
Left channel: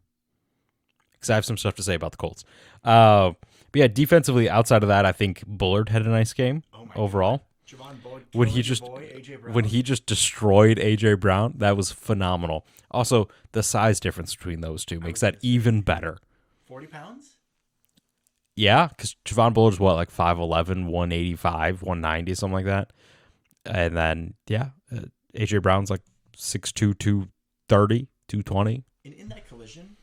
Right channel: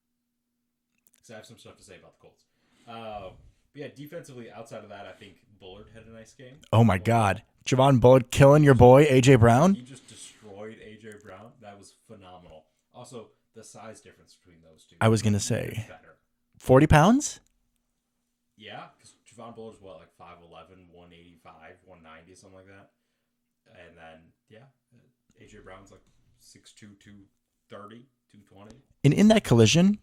Because I have some stuff to say about the Colts. But yeah, defensively, outside of that, I think Bullard had a nice game. Oh, my overall. God. Javon Bullard killing your boy, A.J. Brown? When he just destroyed A.J. Brown, that was phenomenal. Also, the size difference between those two makes that even better. 40 pounds? Yeah, because Javon Bullard's what, like 5'11", 185, 190, something like that. And then, A.J. Brown's like 6'2", 230, 220. And in that collision,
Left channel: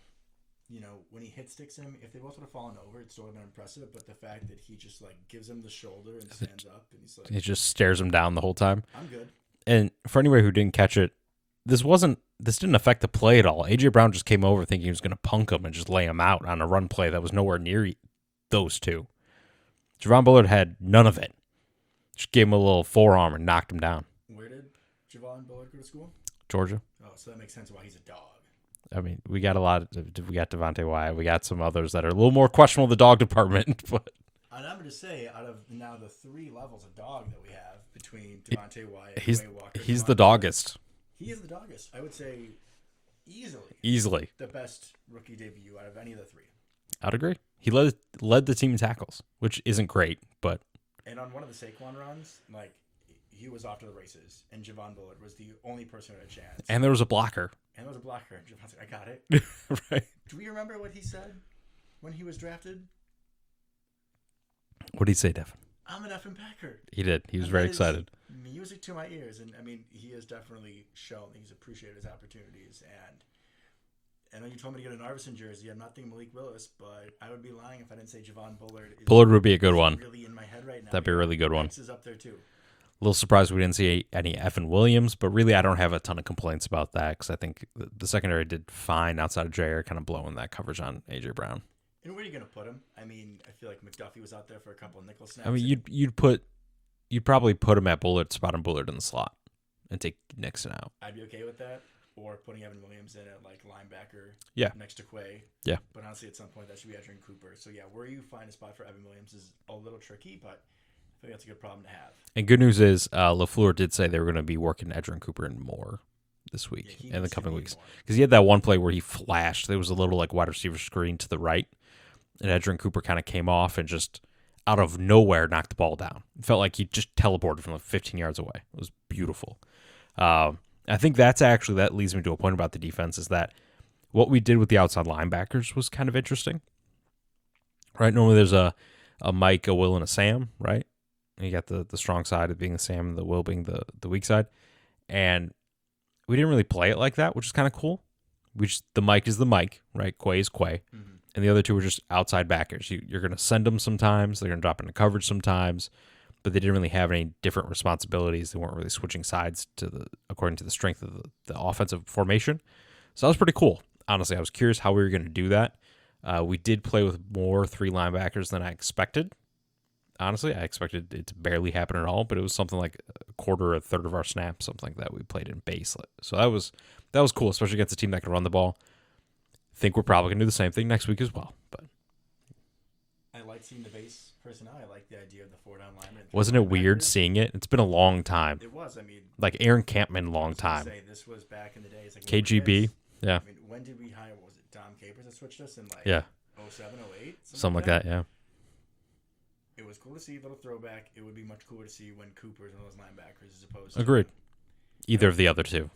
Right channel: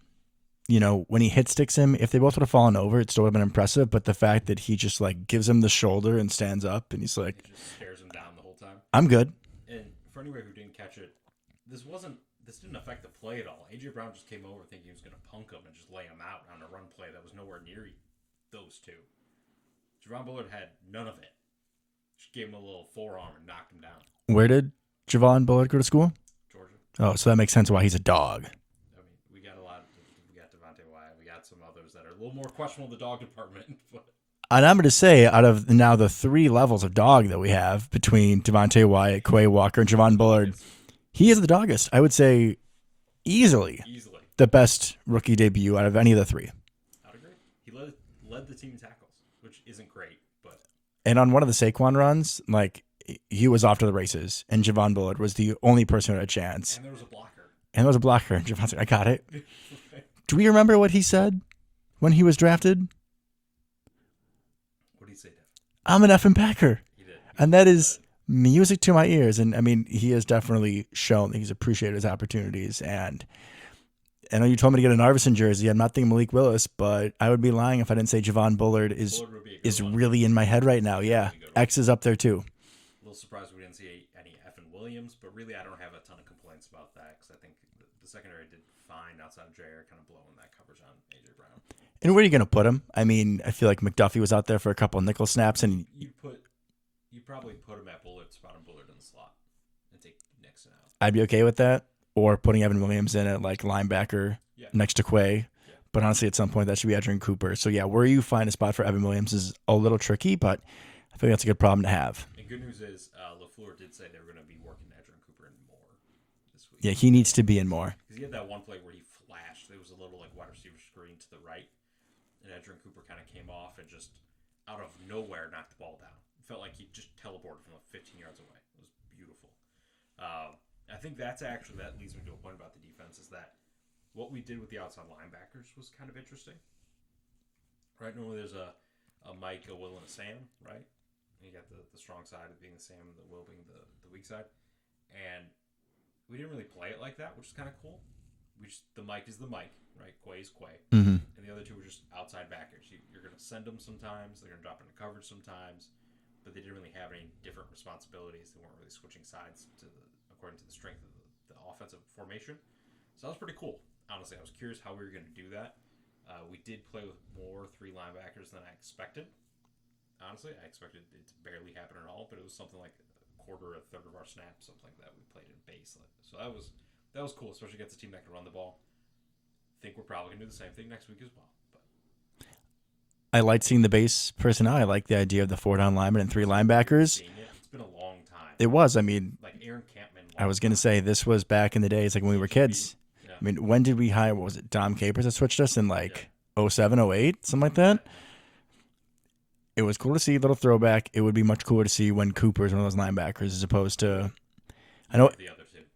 when he hit sticks him, if they both would have fallen over, it still would have been impressive. But the fact that he just like gives him the shoulder and stands up and he's like, he just stares him down the whole time. I'm good. And for anybody who didn't catch it, this didn't affect the play at all. A.J. Brown just came over thinking he was going to punk him and just lay him out on a run play that was nowhere near those two. Javon Bullard had none of it. Just gave him a little forearm and knocked him down. Where did Javon Bullard go to school? Georgia. Oh, so that makes sense why he's a dog. I mean, we got we got Devontae Wyatt. We got some others that are a little more questionable in the dog department. But And I'm going to say, out of now the 3 levels of dog that we have between Devontae Wyatt, Quay Walker, and Javon Bullard, he is the doggest. I would say easily the best rookie debut out of any of the 3. I'd agree. He led the team in tackles, which isn't great, but and on one of the Saquon runs, like he was off to the races, and Javon Bullard was the only person who had a chance. And there was a blocker. And Javon said, "I got it." Right. Do we remember what he said when he was drafted? What did he say, Devin? I'm an effing Packer. He did. He was and very that is excited. Music to my ears. And I mean, he has definitely shown that he's appreciated his opportunities. And I know you told me to get an Arvidsson jersey. I'm not thinking Malik Willis, but I would be lying if I didn't say Javon Bullard would be a good one. Really in my head right now. That'd be a really good one. X is up there too. A little surprised we didn't see any Evan Williams, but really I don't have a ton of complaints about that because I think the secondary did fine outside of Jair, kind of blowing that coverage on A.J. Brown. And where are you going to put him? I mean, I feel like McDuffie was out there for a couple of nickel snaps. I mean, you'd probably put him at Bullard, spot on Bullard in the slot, and take Nixon out. I'd be okay with that. Or putting Evan Williams in at like linebacker next to Quay. Yeah. But honestly, at some point, that should be Edgerrin Cooper. So, yeah, where you find a spot for Evan Williams is a little tricky, but I think that's a good problem to have. And good news is LaFleur did say they were going to be working Edgerrin Cooper in more this week. Yeah, he needs to be in more. Because he had that one play where he flashed. There was a little like wide receiver screen to the right, and Edgerrin Cooper kind of came off and just out of nowhere knocked the ball down. It felt like he just teleported from like 15 yards away. It was beautiful. I think that leads me to a point about the defense is that what we did with the outside linebackers was kind of interesting. Right? Normally there's a Mike, a Will, and a Sam, right? And you got the strong side of being the Sam and the Will being the weak side. And we didn't really play it like that, which is kind of cool. The Mike is the Mike, right? Quay is Quay. Mm-hmm. And the other two were just outside backers. You're going to send them sometimes. They're going to drop into coverage sometimes. But they didn't really have any different responsibilities. They weren't really switching sides according to the strength of the offensive formation. So that was pretty cool. Honestly, I was curious how we were going to do that. We did play with more 3 linebackers than I expected. Honestly, I expected it to barely happen at all, but it was something like a third of our snaps, something like that we played in base. So that was cool, especially against a team that can run the ball. I think we're probably going to do the same thing next week as well. But I liked seeing the base personnel. I like the idea of the 4 down linemen and 3 Wasn't linebackers. It weird seeing it? It's been a long time. It was. I mean, like Aaron Campman, I was going to say this was back in the days, like when we were kids. Yeah. I mean, when did we hire? What was it? Dom Capers that switched us in like 07, 08, something like that. Yeah. It was cool to see a little throwback. It would be much cooler to see when Cooper's one of those linebackers as opposed to either of the other two.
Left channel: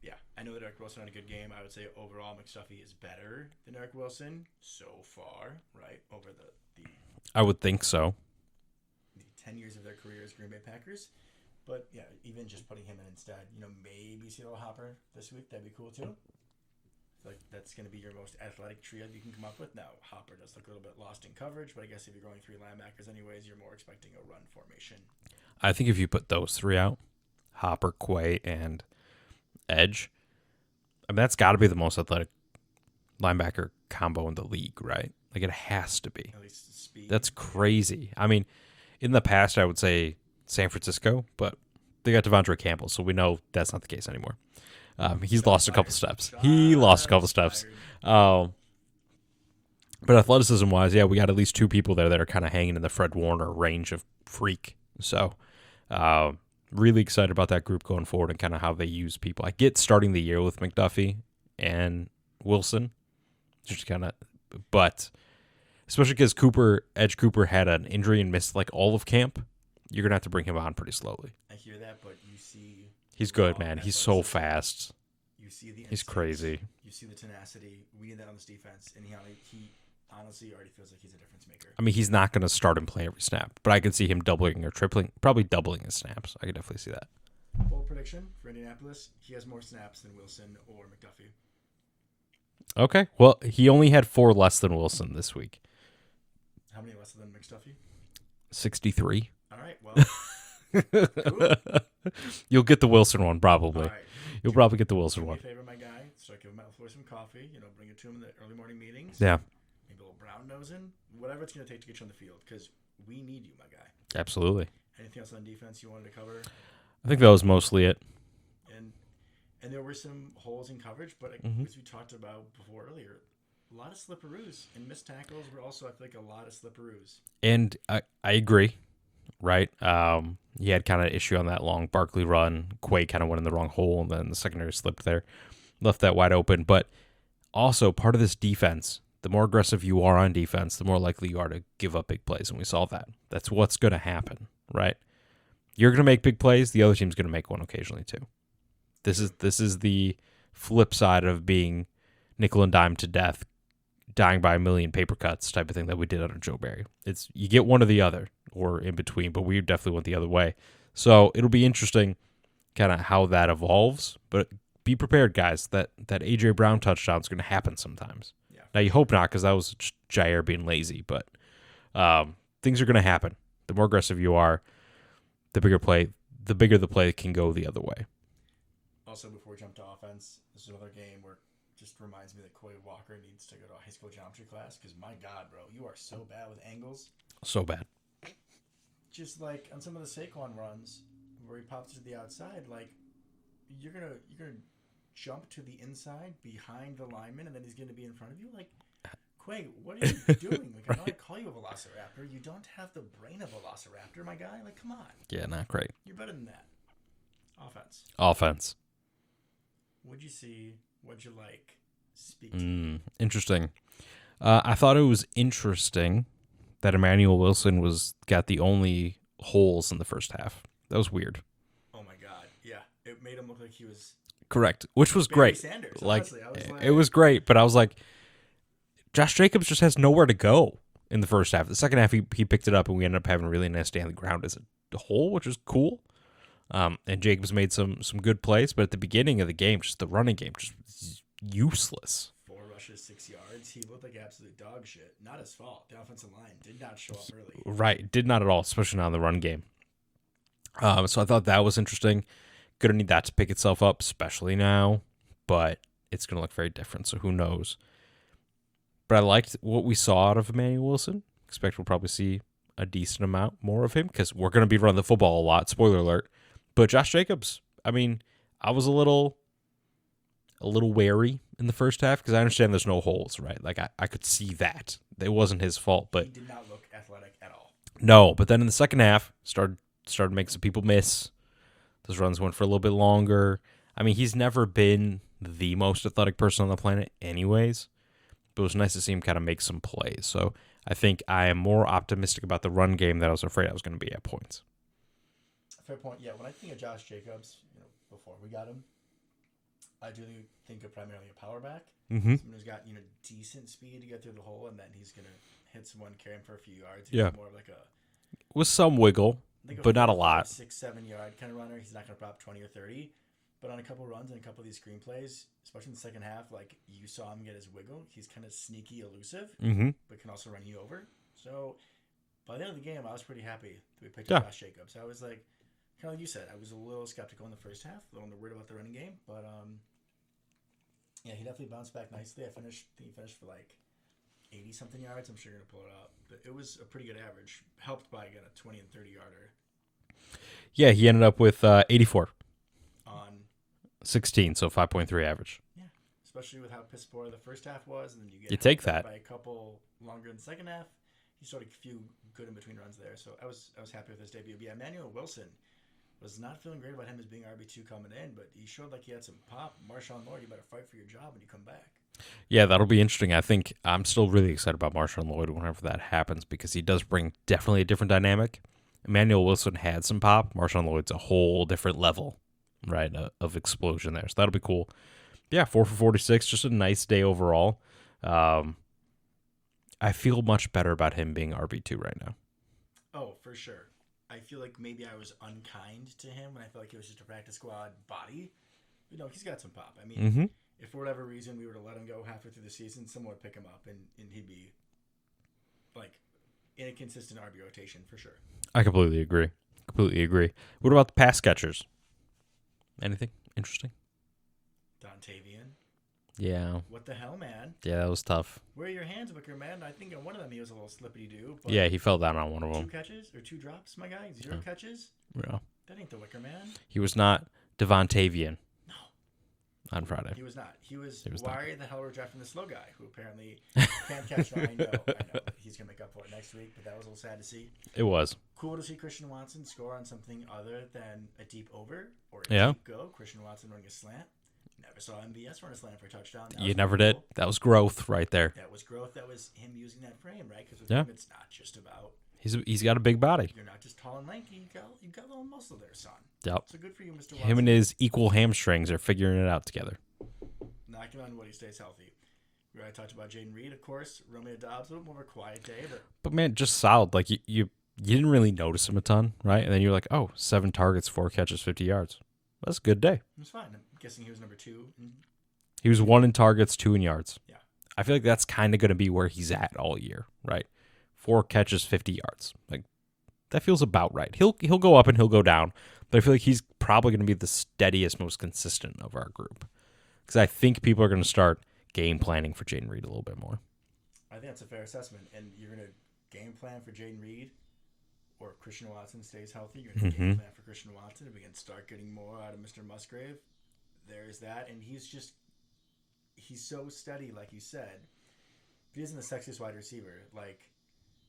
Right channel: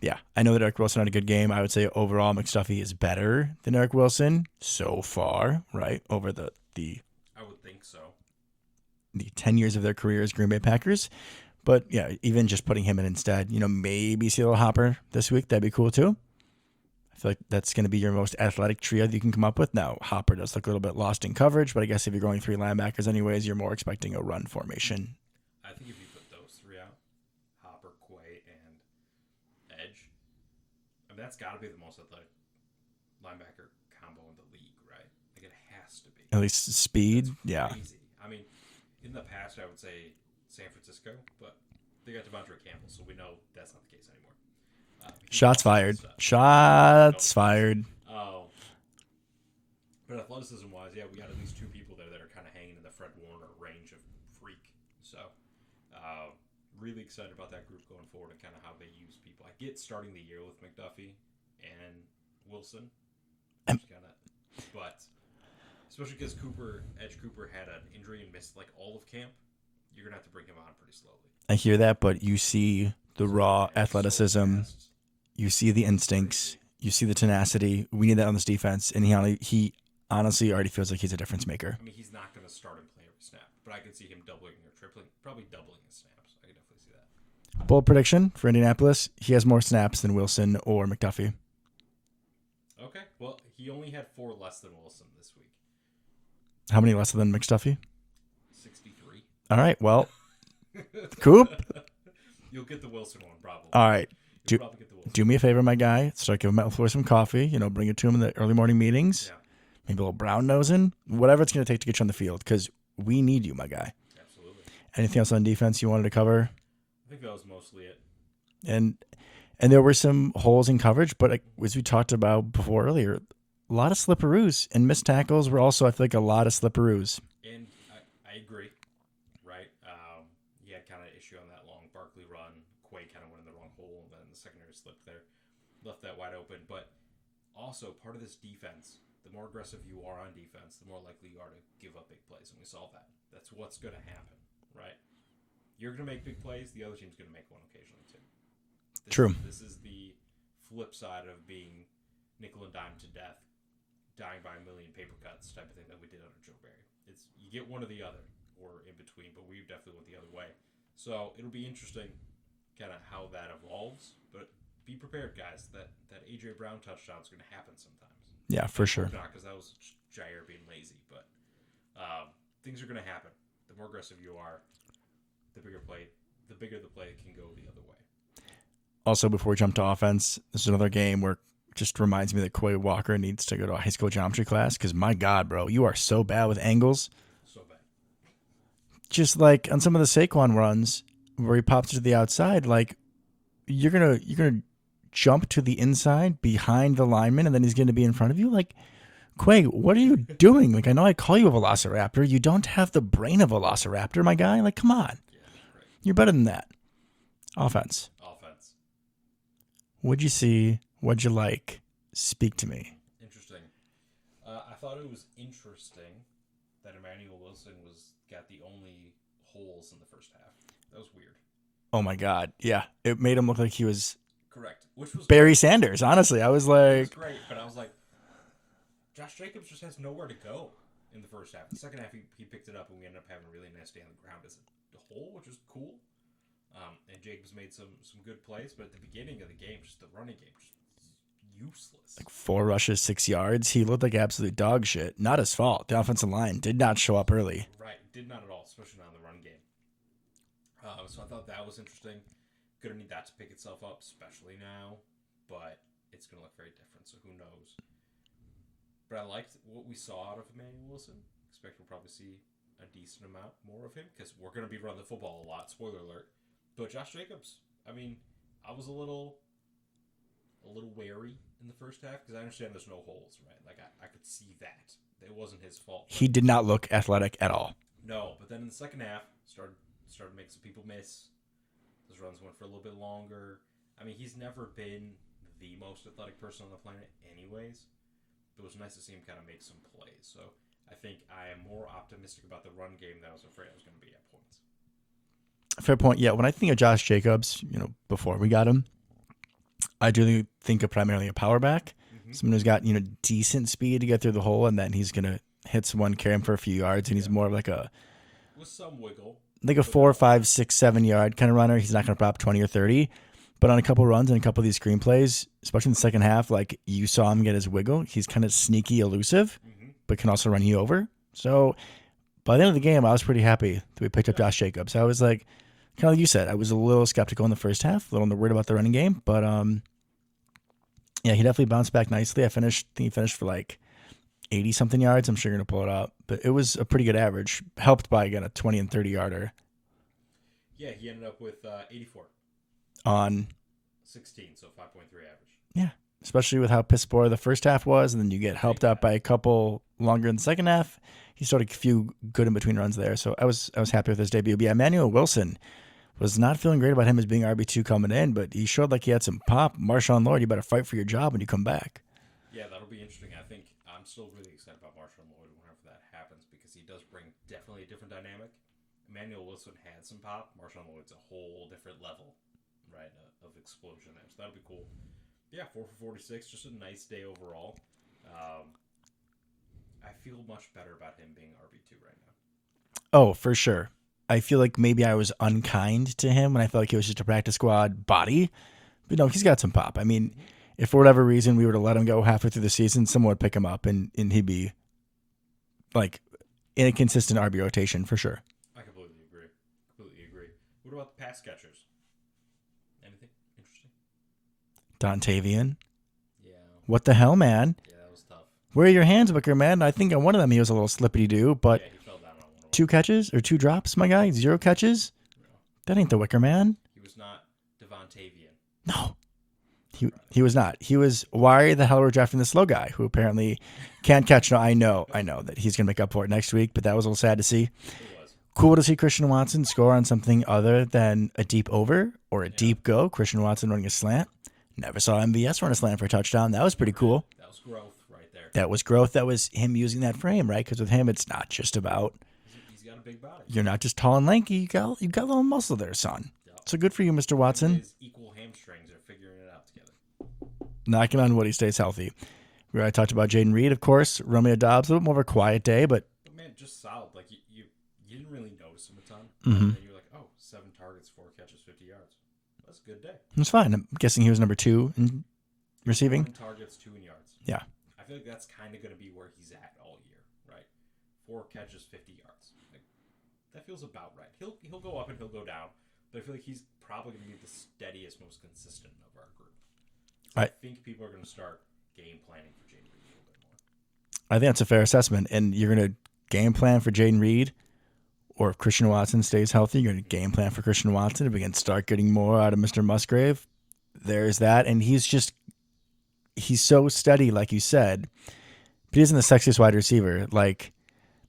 Yeah, I know that Eric Wilson had a good game. I would say overall McStuffie is better than Eric Wilson so far, right? Over the I would think so. The 10 years of their career as Green Bay Packers. But yeah, even just putting him in instead, maybe see a little Hopper this week. That'd be cool too. I feel like that's going to be your most athletic trio that you can come up with. Now, Hopper does look a little bit lost in coverage, but I guess if you're going 3 linebackers anyways, you're more expecting a run formation. I think if you put those 3 out, Hopper, Quay, and Edge, I mean, that's got to be the most athletic linebacker combo in the league, right? Like, it has to be. At least speed. That's crazy. Yeah. I mean, in the past, I would say San Francisco, but they got Devondre Campbell, so we know that's not the case anymore. He's lost a couple steps. Shots fired. But athleticism-wise, we got at least 2 people there that are kind of hanging in the Fred Warner range of freak. So, Really excited about that group going forward and kind of how they use people. I get starting the year with McDuffie and Wilson, just kind of, but especially because Edge Cooper had an injury and missed like all of camp, you're gonna have to bring him on pretty slowly. I hear that, but you see the He's raw good, man. athleticism. He's so fast. You see the instincts. Crazy. You see the tenacity. We need that on this defense, and he honestly already feels like he's a difference maker. I mean, he's not going to start and play every snap, but I could see him doubling or tripling, probably doubling his snaps. I could definitely see that. Bold prediction for Indianapolis: he has more snaps than Wilson or McDuffie. Okay. Well, he only had 4 less than Wilson this week. How many less than McDuffie? 63. All right. Well, Coop. You'll get the Wilson one probably. All right. You'll probably get the Wilson Do one. me a favor, my guy. Start giving Matt LaFleur some coffee. Bring it to him in the early morning meetings. Yeah. Maybe a little brown nosing. Whatever it's going to take to get you on the field, because we need you, my guy. Absolutely. Anything else on defense you wanted to cover? I think that was mostly it. And there were some holes in coverage, but as we talked about before earlier, a lot of slipperoos and missed tackles were also, I feel like, a lot of slipperoos. And I agree, right? He had kind of issue on that long Barkley run. Quay kind of went in the wrong hole, and then the secondary slipped there, left that wide open. But also part of this defense, the more aggressive you are on defense, the more likely you are to give up big plays, and we saw that. That's what's going to happen, right? You're going to make big plays. The other team's going to make one occasionally too. This is the flip side of being nickel and dime to death, dying by a million paper cuts type of thing that we did under Joe Barry. It's you get one or the other or in between, but we definitely went the other way. So it'll be interesting kind of how that evolves, but be prepared, guys, that A.J. Brown touchdown is going to happen sometimes. Yeah, now, you hope not, because that was Jair being lazy, but things are going to happen. The more aggressive you are, the bigger the play can go the other way. Also, before we jump to offense, this is another game where it just reminds me that Quay Walker needs to go to a high school geometry class, because my God, bro, you are so bad with angles. So bad. Just like on some of the Saquon runs where he pops to the outside, like you're gonna jump to the inside behind the lineman, and then he's gonna be in front of you. Like, Quay, what are you doing? Like, I know I call you a velociraptor. You don't have the brain of a velociraptor, my guy. Like, come on. Yeah, not great. You're better than that. Offense. What'd you see? What'd you like? Speak to me. Interesting. I thought it was interesting that Emmanuel Wilson got the only holes in the first half. That was weird. Oh my God. Yeah. It made him look like he was correct, which was Barry great. Sanders. Honestly, I was like, it was great, but I was like, Josh Jacobs just has nowhere to go in the first half. The second half, he picked it up, and we ended up having a really nice day on the ground as a hole, which was cool. And Jacobs made some good plays, but at the beginning of the game, just the running game, just useless. 4 rushes, 6 yards. He looked like absolute dog shit. Not his fault. The offensive line did not show up early. Right. Did not at all, especially not in the run game. So I thought that was interesting. Going to need that to pick itself up, especially now, but it's going to look very different, so who knows. But I liked what we saw out of Emmanuel Wilson. Expect we'll probably see a decent amount more of him because we're going to be running the football a lot, spoiler alert. But Josh Jacobs, I mean, I was a little wary in the first half because I understand there's no holes, right? Like, I could see that. It wasn't his fault. But he did not look athletic at all. No, but then in the second half, started making some people miss. Those runs went for a little bit longer. I mean, he's never been the most athletic person on the planet anyways, but it was nice to see him kind of make some plays. So I think I am more optimistic about the run game than I was afraid I was going to be at points. Fair point. Yeah, when I think of Josh Jacobs, before we got him, I do think of primarily a power back. Mm-hmm. Someone who's got, decent speed to get through the hole, and then he's going to hit someone, carry him for a few yards. He's more of like with some wiggle. Like a 4, 5, 6, 7 yard kind of runner. He's not going to prop 20 or 30. But on a couple runs and a couple of these screenplays, especially in the second half, like you saw him get his wiggle. He's kind of sneaky, elusive, but can also run you over. So by the end of the game, I was pretty happy that we picked up Josh Jacobs. I was like, kind of like you said, I was a little skeptical in the first half, a little worried about the running game. But yeah, he definitely bounced back nicely. I think he finished for like 80-something yards. I'm sure you're going to pull it up. But it was a pretty good average, helped by, again, a 20 and 30-yarder. Yeah, he ended up with 84. On 16, so 5.3 average. Yeah, especially with how piss poor the first half was, and then you get helped out by a couple longer in the second half. He started a few good in-between runs there, so I was happy with his debut. But yeah, Emmanuel Wilson was not feeling great about him as being RB2 coming in, but he showed like he had some pop. Marshawn Lloyd, you better fight for your job when you come back. Yeah, that'll be interesting. I think I'm still really excited about Marshawn Lloyd whenever that happens because he does bring definitely a different dynamic. Emmanuel Wilson had some pop. Marshawn Lloyd's a whole different level, right, of explosion there. So that'll be cool. Yeah, 4 for 46, just a nice day overall. I feel much better about him being RB2 right now. Oh, for sure. I feel like maybe I was unkind to him when I felt like he was just a practice squad body. But no, he's got some pop. I mean, if for whatever reason we were to let him go halfway through the season, someone would pick him up and he'd be like in a consistent RB rotation for sure. I completely agree. What about the pass catchers? Anything interesting? Dontavian. Yeah. What the hell, man? Yeah, that was tough. Where are your hands, Wicker Man? I think on one of them he was a little slippity-doo, but yeah, he fell down on one of them. 2 catches or 2 drops, my guy? 0 catches? Yeah. That ain't the Wicker Man. He was not Devontavian. No. On Friday. He was not. He was, why the hell are we drafting this slow guy who apparently can't catch? No, I know that he's going to make up for it next week, but that was a little sad to see. It was. Cool to see Christian Watson score on something other than a deep over or a deep go. Christian Watson running a slant. Never saw MVS run a slant for a touchdown. That was pretty cool. That was growth right there. That was growth. That was him using that frame, right? Because with him, it's not just about... He's got a big body. You're not just tall and lanky. You got a little muscle there, son. Yep. So good for you, Mr. Watson. Him and his equal hamstrings are figuring it out together. Knocking on wood, he stays healthy. We already talked about Jaden Reed, of course. Romeo Dobbs, a little more of a quiet day, but man, just solid. Like you didn't really notice him a ton, right? Mm-hmm. And then you're like, oh, 7 targets, 4 catches, 50 yards. That's a good day. it was fine. I'm guessing he was number 2. He was receiving? 1 in targets, 2 in yards. Yeah. I feel like that's kind of going to be where he's at all year, right? 4 catches, 50 yards. Like that feels about right. He'll go up and he'll go down, but I feel like he's probably going to be the steadiest, most consistent of our group. Because I think people are going to start game planning for Jaden Reed a little bit more. I think that's a fair assessment. And you're going to game plan for Jaden Reed, or if Christian Watson stays healthy, you're going to game plan for Christian Watson. If we can start getting more out of Mr. Musgrave, there's that. And he's so steady, like you said. But he isn't the sexiest wide receiver. Like,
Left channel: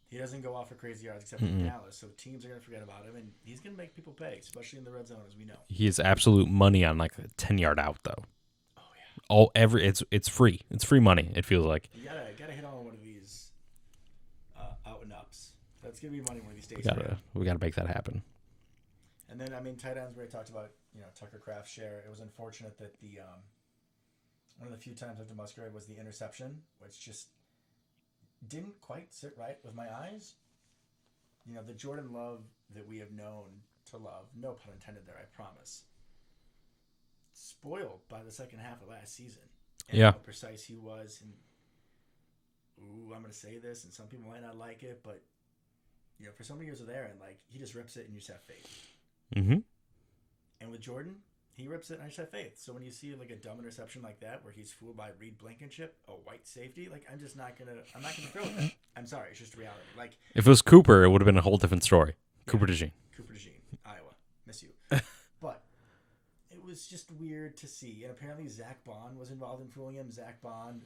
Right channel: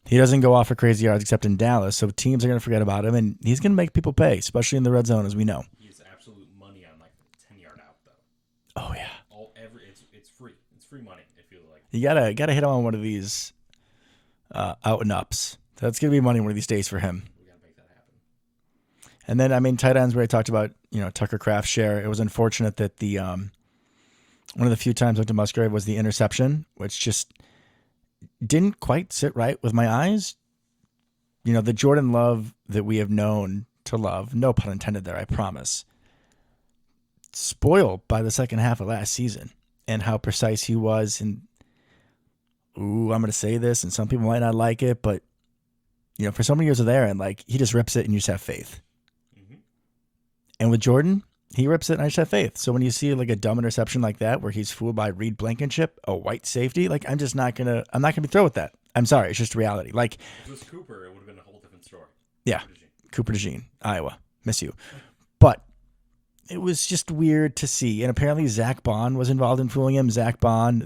he doesn't go off for crazy yards except in Dallas, so teams are going to forget about him, and he's going to make people pay, especially in the red zone, as we know. He is absolute money on like a 10-yard out, though. Oh yeah. It's free. It's free money. It feels like You gotta hit him on one of these out and ups. That's gonna be money one of these days for him. We got to make that happen. And then tight ends where I talked about Tucker Kraft's share. It was unfortunate that the one of the few times I went to Musgrave was the interception, which just didn't quite sit right with my eyes. The Jordan Love that we have known to love, no pun intended there, I promise, spoiled by the second half of last season and how precise he was. And I'm going to say this, and some people might not like it, but for so many years of there, and like he just rips it, and you just have faith. Mm-hmm. And with Jordan, he rips it, and I just have faith. So when you see like a dumb interception like that, where he's fooled by Reed Blankenship, a white safety, like I'm not gonna be thrilled with that. I'm sorry, it's just reality. Like if it was Cooper, it would have been a whole different story. Yeah, Cooper DeJean, Iowa, miss you, but. It was just weird to see. And apparently Zach Bond was involved in fooling him. Zach Bond,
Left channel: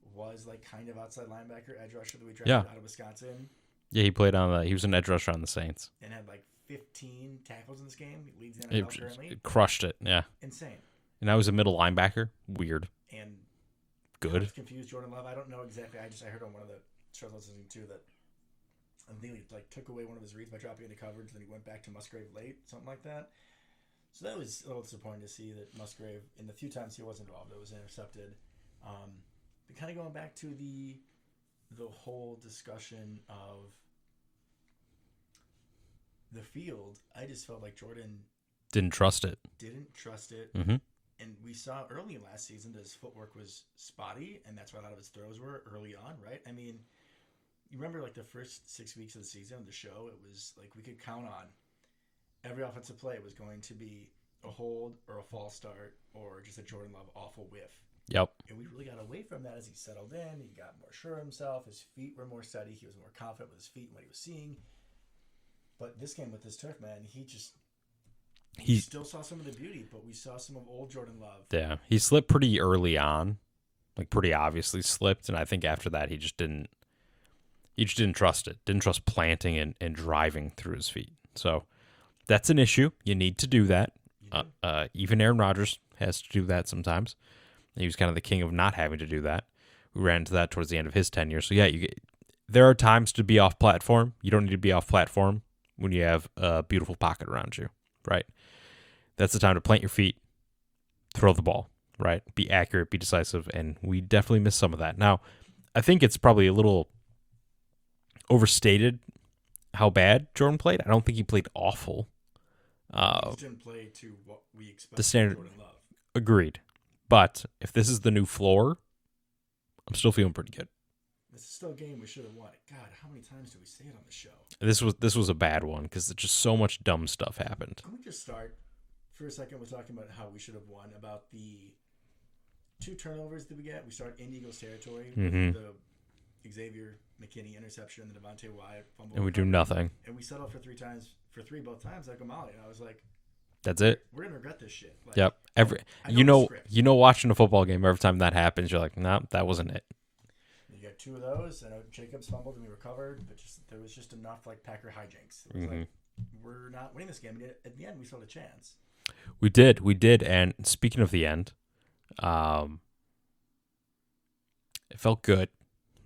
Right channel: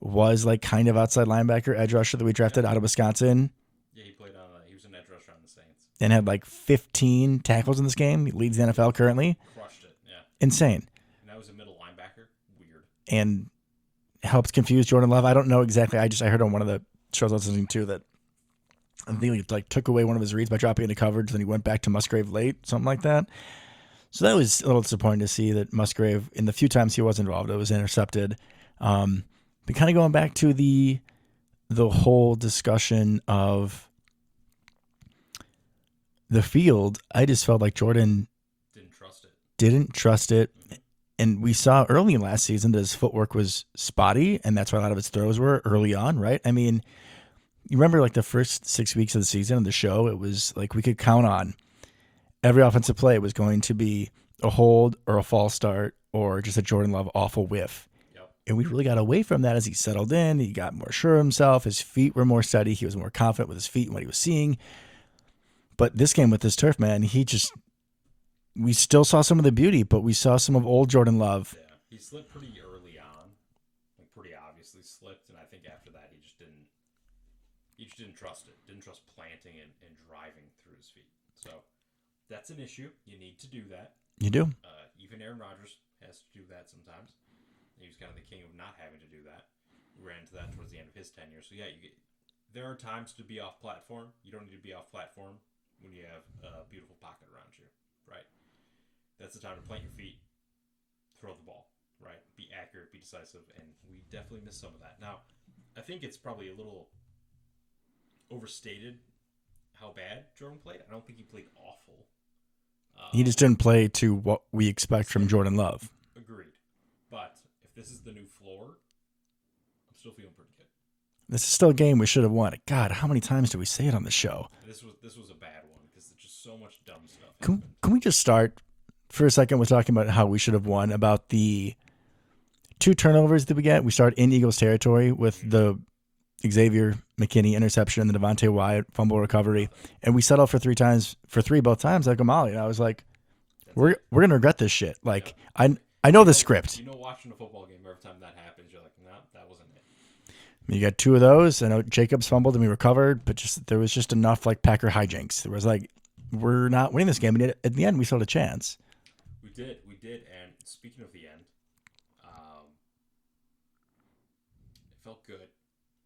was like kind of outside linebacker, edge rusher that we drafted out of Wisconsin. Yeah, he was an edge rusher on the Saints. And had like 15 tackles in this game. He leads the NFL currently. Crushed it, yeah. Insane. And now he's a middle linebacker. Weird. And helps confuse Jordan Love. I don't know exactly. I heard on one of the shows I was listening to that I think he like took away one of his reads by dropping into coverage. Then he went back to Musgrave late, something like that. So that was a little disappointing to see that Musgrave, in the few times he was involved, it was intercepted. But kind of going back to the whole discussion of the field, I just felt like Jordan didn't trust it. Mm-hmm. And we saw early in last season that his footwork was spotty, and that's why a lot of his throws were early on, right? I mean, you remember like the first 6 weeks of the season of the show, it was like we could count on every offensive play was going to be a hold or a false start or just a Jordan Love awful whiff. Yep. And we really got away from that as he settled in. He got more sure of himself. His feet were more steady. He was more confident with his feet and what he was seeing. But this game with this turf, man, we still saw some of the beauty, but we saw some of old Jordan Love. Yeah. He slipped pretty early on, like pretty obviously slipped. And I think after that, he just didn't trust it. Didn't trust planting and driving through his feet. So That's an issue. You need to do that. You do. Even Aaron Rodgers has to do that sometimes. He was kind of the king of not having to do that. We ran into that towards the end of his tenure. So, yeah, there are times to be off platform. You don't need to be off platform when you have a beautiful pocket around you, right? That's the time to plant your feet, throw the ball, right? Be accurate, be decisive, and we definitely missed some of that. Now, I think it's probably a little overstated how bad Jordan played. I don't think he played awful. He just didn't play to what we expect from Jordan Love. Agreed. But if this is the new floor, I'm still feeling pretty good. This is still a game we should have won. God, how many times do we say it on the show? This was a bad one because just so much dumb stuff happened. Can we just start for a second with talking about how we should have won, about the 2 turnovers that we get? We start in Eagles territory with the Xavier McKinney interception and the Devontae Wyatt fumble recovery. And we settled for 3 times, for 3 both times like O'Malley. And I was like, That's it. We're going to regret this shit. Like, yep. I know the script. Watching a football game, every time that happens, you're like, no, that wasn't it. You got 2 of those. I know Jacobs fumbled and we recovered, but there was just enough like Packer hijinks. There was like, we're not winning this game. And at the end, we still had a chance. We did. And speaking of the end, it felt good,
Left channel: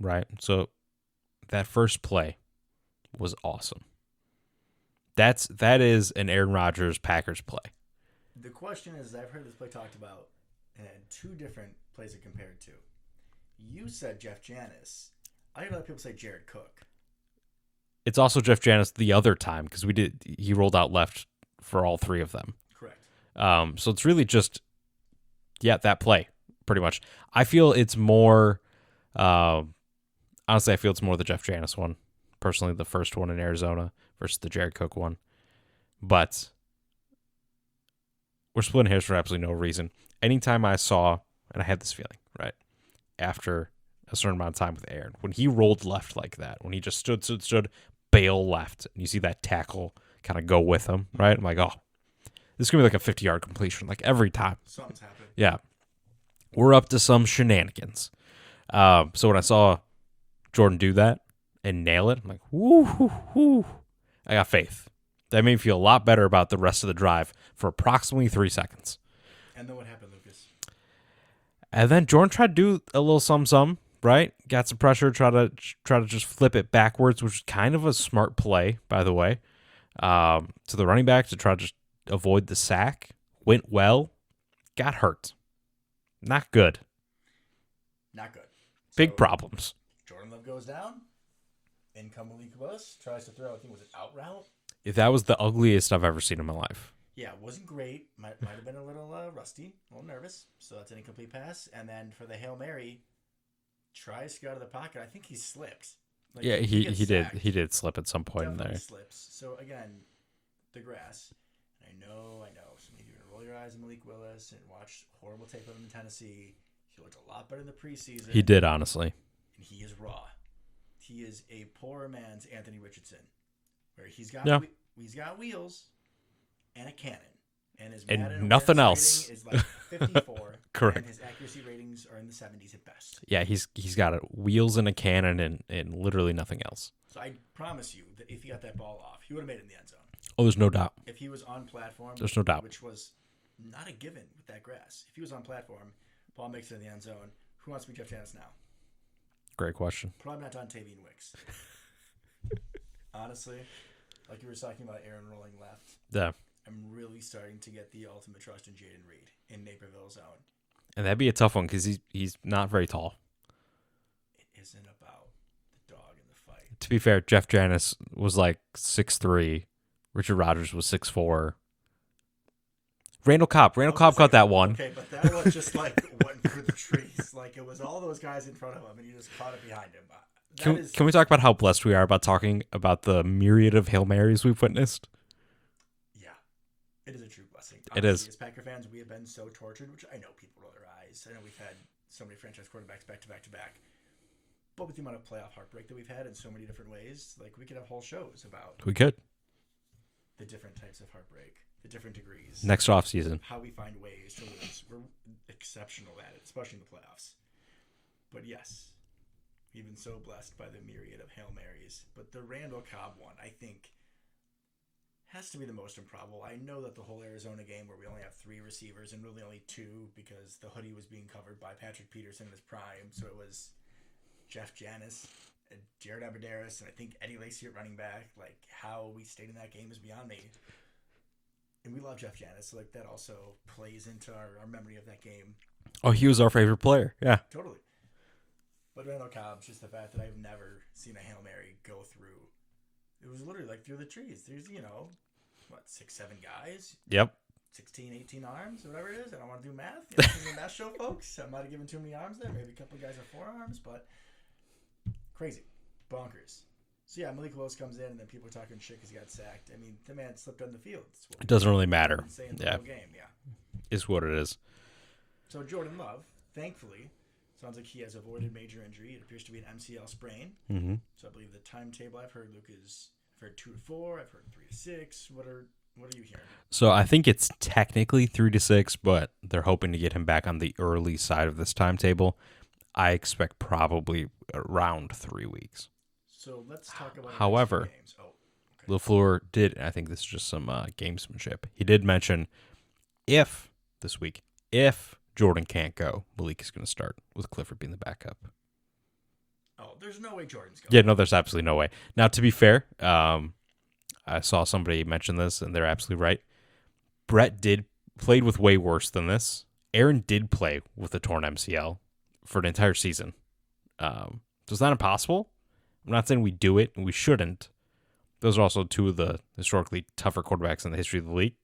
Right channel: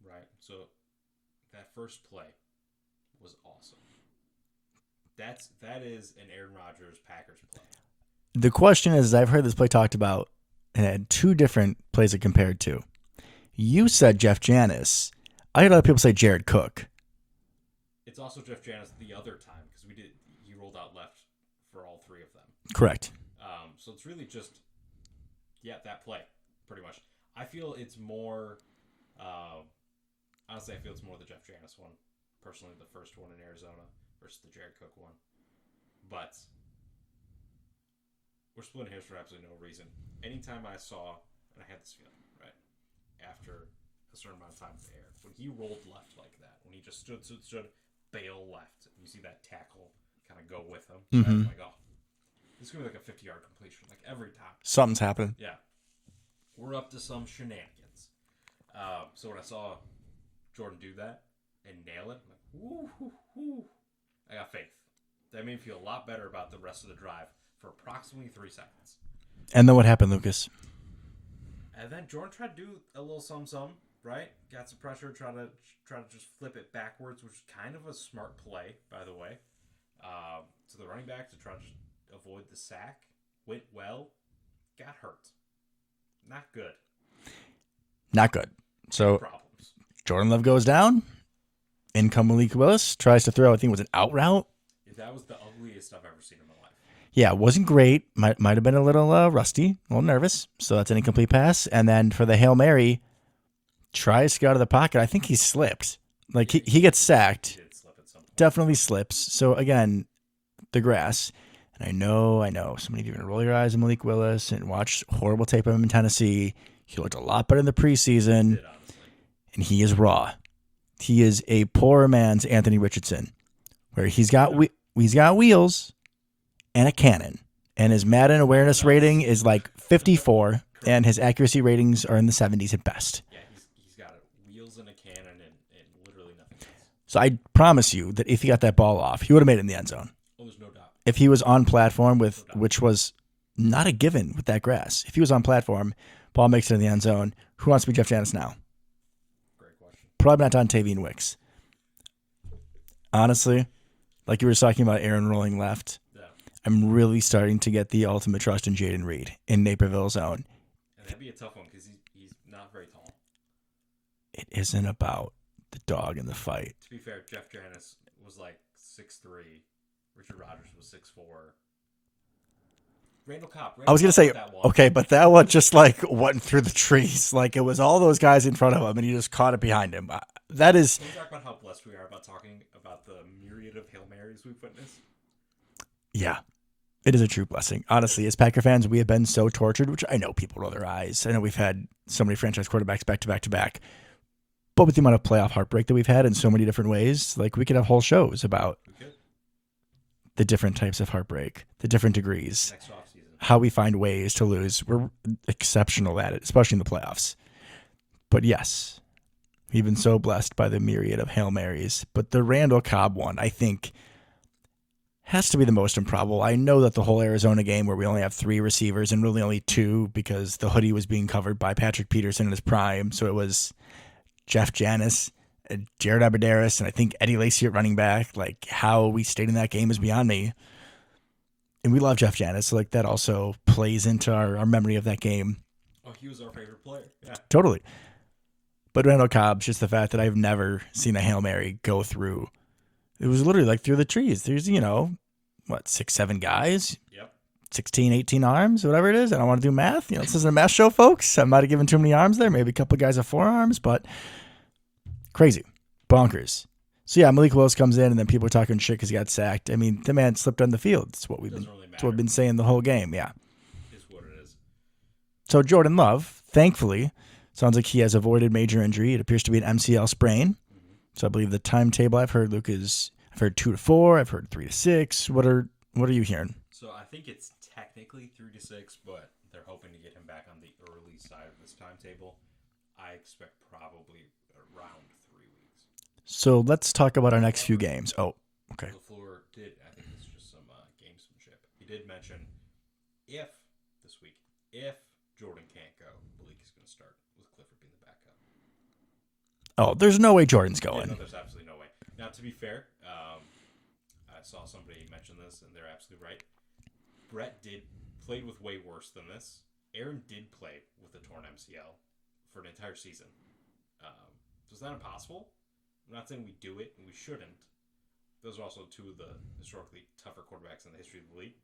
right? So that first play was awesome. That is an Aaron Rodgers Packers play. The question is, I've heard this play talked about and had 2 different plays it compared to. You said Jeff Janis. I heard other people say Jared Cook. It's also Jeff Janis the other time because he rolled out left for all 3 of them. Correct. So it's really just, that play pretty much. I feel it's more, honestly, I feel it's more the Jeff Janis one. Personally, the first one in Arizona versus the Jared Cook one. But we're splitting hairs for absolutely no reason. Anytime I saw, and I had this feeling, right, after a certain amount of time with Aaron, when he rolled left like that, when he just stood, bail left, and you see that tackle kind of go with him, right? I'm like, oh, this is going to be like a 50-yard completion, like every time. Something's happening. Yeah. We're up to some shenanigans. So when I saw Jordan do that and nail it, I'm like, woo. I got faith. That made me feel a lot better about the rest of the drive for approximately 3 seconds. And then what happened, Lucas? And then Jordan tried to do a little some, right? Got some pressure, try to just flip it backwards, which is kind of a smart play, by the way, to the running back to try to just avoid the sack. Went well. Got hurt. Not good. Not good. Big problems. Jordan Love goes down. In comes Malik Willis. Tries to throw, I think it was an out route. If that was the ugliest I've ever seen in my life. Yeah, it wasn't great. Might have been a little rusty, a little nervous. So that's an incomplete pass. And then for the Hail Mary, tries to get out of the pocket. I think he slipped. Like he gets sacked. He did slip at some point. Definitely slips. So again, the grass. And I know. So many of you are going to roll your eyes at Malik Willis and watch horrible tape of him in Tennessee. He looked a lot better in the preseason. He did, honestly. And he is raw. He is a poor man's Anthony Richardson, where he's got wheels and a cannon. And his Madden awareness rating is like 54, and his accuracy ratings are in the 70s at best. Yeah, he's got wheels and a cannon and literally nothing else. So I promise you that if he got that ball off, he would have made it in the end zone. Oh, there's no doubt. If he was on platform, no doubt. Which was not a given with that grass. If he was on platform, ball makes it in the end zone, who wants to be Jeff Janis now? Great question. Probably not Dontavian Wicks. Honestly, like you were talking about Aaron rolling left. Yeah. I'm really starting to get the ultimate trust in Jaden Reed in Naperville's zone. And that'd be a tough one because he's not very tall. It isn't about the dog in the fight. To be fair, Jeff Janis was like 6'3". Richard Rodgers was 6'4". Randall Cobb got that one. Okay, but that one just like went through the trees. Like it was all those guys in front of him, and he just caught it behind him. Can we talk about how blessed we are about talking about the myriad of Hail Marys we've witnessed? Yeah, it is a true blessing. Honestly, as Packer fans, we have been so tortured, which I know people roll their eyes. I know we've had so many franchise quarterbacks back to back to back. But with the amount of playoff heartbreak that we've had in so many different ways, like we could have whole shows about. We could. The different types of heartbreak, the different degrees. Next offseason. How we find ways to lose. We're exceptional at it, especially in the playoffs. But yes, we've been so blessed by the myriad of Hail Marys. But the Randall Cobb one, I think, Has to be the most improbable. I know that the whole Arizona game where we only have 3 receivers and really only 2 because the hoodie was being covered by Patrick Peterson in his prime. So it was Jeff Janis, Jared Abbrederis, and I think Eddie Lacy at running back. Like, how we stayed in that game is beyond me. And we love Jeff Janis. So like, that also plays into our memory of that game. Oh, he was our favorite player. Yeah. Totally. But Randall Cobb's just the fact that I've never seen a Hail Mary go through. It was literally like through the trees. There's, 6, 7 guys, Yep. 16, 18 arms, whatever it is. I don't want to do math. This isn't a math show, folks. I might have given too many arms there. Maybe a couple of guys have 4 arms, but crazy. Bonkers. So, yeah, Malik Willis comes in, and then people are talking shit because he got sacked. I mean, the man slipped on the field. It's what It doesn't really matter. We've been saying the whole game, yeah. Is what it is. So, Jordan Love, thankfully, sounds like he has avoided major injury. It appears to be an MCL sprain. Mm-hmm. So, I believe the timetable I've heard, Luke, is I've heard 2 to 4. I've heard 3 to 6. What are you hearing? So I think it's technically 3 to 6, but they're hoping to get him back on the early side of this timetable. I expect probably around 3 weeks. So let's talk about our next few However, games. Oh, okay. LaFleur did, I think this is just some gamesmanship. He did mention if Jordan can't go, Malik is going to start with Clifford being the backup. Oh, there's no way Jordan's going. Yeah, no, there's absolutely no way. Now, to be fair, I saw somebody mention this, and they're absolutely right. Brett played with way worse than this. Aaron did play with a torn MCL for an entire season. So it's not impossible. I'm not saying we do it, and we shouldn't. Those are also 2 of the historically tougher quarterbacks in the history of the league.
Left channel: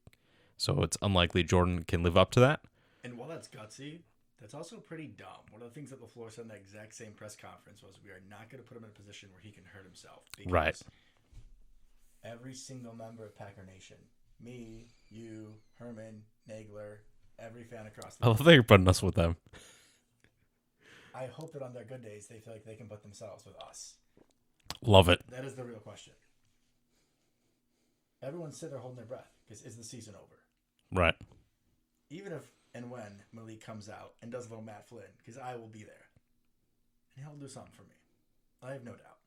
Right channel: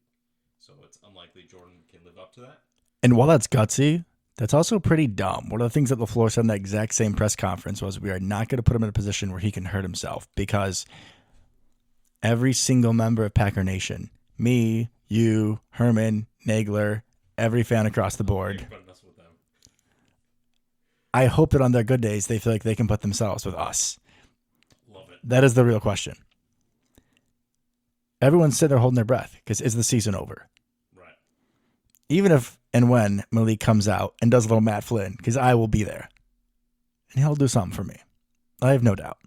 So it's unlikely Jordan can live up to that. And while that's gutsy, that's also pretty dumb. One of the things that LaFleur said in that exact same press conference was we are not going to put him in a position where he can hurt himself because every single member of Packer Nation, me, you, Herman, Nagler, every fan across the board. They're putting us with them. I hope that on their good days, they feel like they can put themselves with us. Love it. That is the real question. Everyone's sitting there holding their breath because is the season over? Right. Even if and when Malik comes out and does a little Matt Flynn, because I will be there. And he'll do something for me. I have no doubt.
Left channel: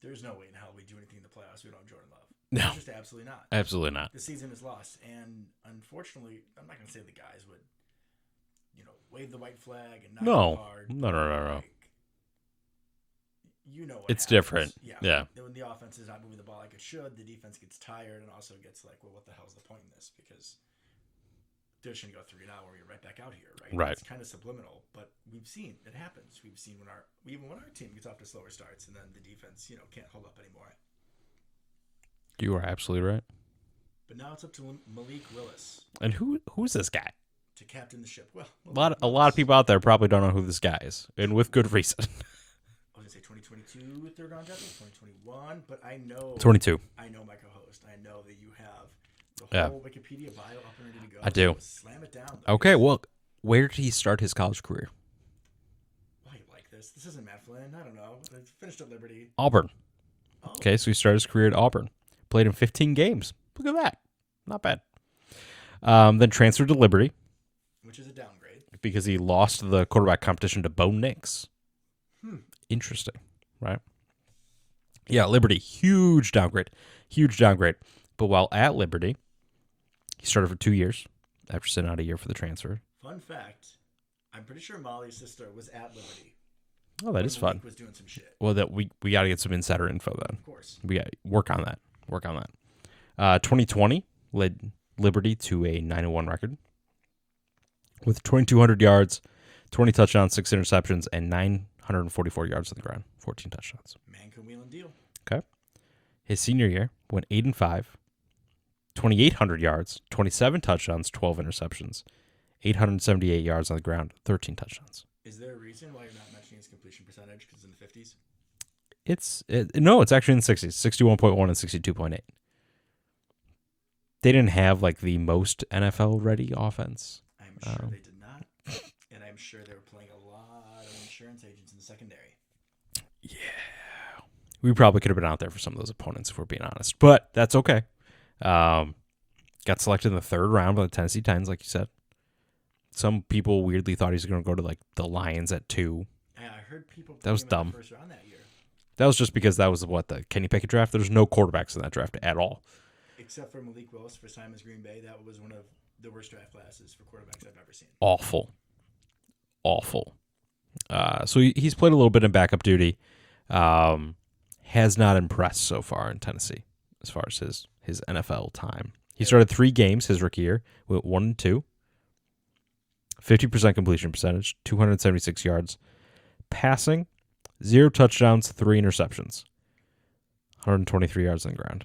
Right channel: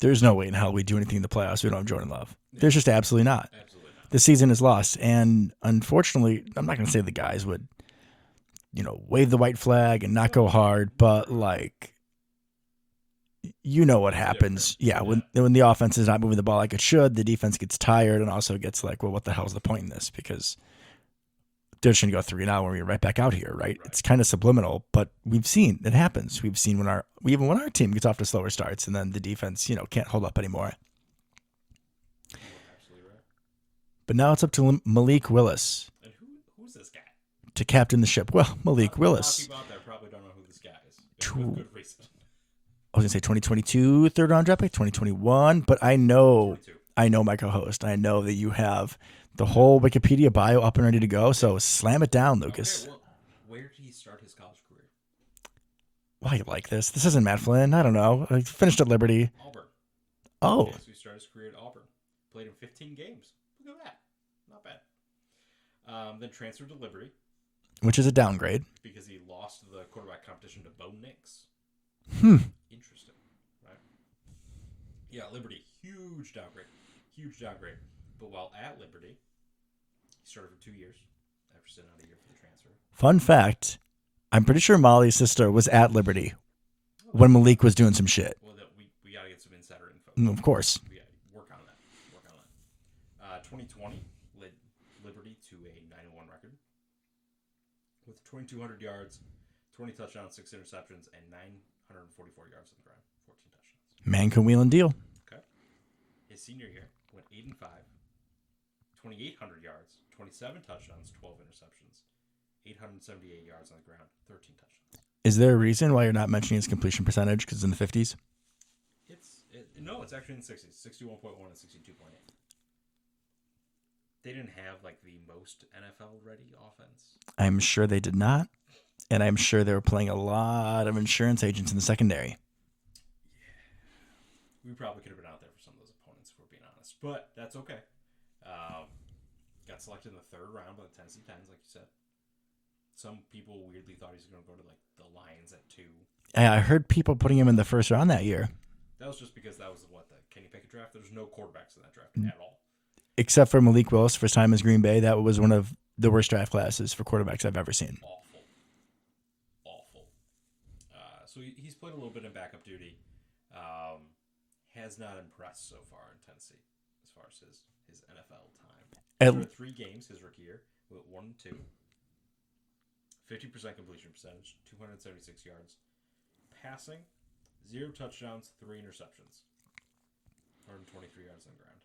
There's no way in hell we do anything in the playoffs. We don't have Jordan Love. No. There's just absolutely not. Absolutely not. The season is lost. And unfortunately, I'm not going to say the guys would, wave the white flag and not go hard. But, what It's happens. different. Yeah. When the offense is not moving the ball like it should, the defense gets tired and also gets like, well, what the hell's the point in this? Because they're just going to go 3-0 when we're right back out here, right? It's kind of subliminal, but we've seen it happens. We've seen when our team gets off to slower starts and then the defense, can't hold up anymore. You are absolutely right. But now it's up to Malik Willis. And who's this guy? To captain the ship. Well, Malik Willis. A lot of people out there probably don't know who this guy is, and with good reason. I was going to say 2022 third-round draft pick, 2021, but I know 22. I know my co-host. I know that you have the whole Wikipedia bio up and ready to go, so slam it down, Lucas. Okay, well, where did he start his college career? Why you like this? This isn't Matt Flynn. I don't know. I finished at Liberty. Auburn. Oh. Okay, so he started his career at Auburn. Played in 15 games. Look at that. Not bad. Then transferred to Liberty. Which is a downgrade. Because he lost the quarterback competition to Bo Nix. Interesting, right? Yeah, Liberty, huge downgrade. But while at Liberty, he started for 2 years after sitting out a year for the transfer. Fun fact, I'm pretty sure Molly's sister was at Liberty when Malik was doing some shit. Well, that we got to get some insider info, though. Of course. We got to work on that. 2020 led Liberty to a 9-1 record with 2,200 yards, 20 touchdowns, 6 interceptions, and 944 yards on the ground, 14 touchdowns. Man can wheel and deal. Okay. His senior year went 8-5, 2,800 yards, 27 touchdowns, 12 interceptions, 878 yards on the ground, 13 touchdowns. Is there a reason why you're not mentioning his completion percentage? Because it's in the 50s? No, it's actually in the 60s, 61.1 and 62.8. They didn't have like the most NFL-ready offense. I'm sure they did not. And I'm sure they were playing a lot of insurance agents in the secondary. Yeah. We probably could have been out there for some of those opponents, if we're being honest. But that's okay. Got selected in the 3rd round by the Tennessee Titans, like you said. Some people weirdly thought he was going to go to like the Lions at 2. I heard people putting him in dumb. the 1st round that year. That was just because that was the Kenny Pickett draft. There's no quarterbacks in that draft at all. Except for Malik Willis, first time as Green Bay. That was one of the worst draft classes for quarterbacks I've ever seen. Awful. So he's played a little bit in backup duty. Has not impressed so far in Tennessee as far as his NFL time. He started 3 games his rookie year, went 1-2, 50% completion percentage, 276 yards, passing, 0 touchdowns, 3 interceptions, 123 yards on the ground.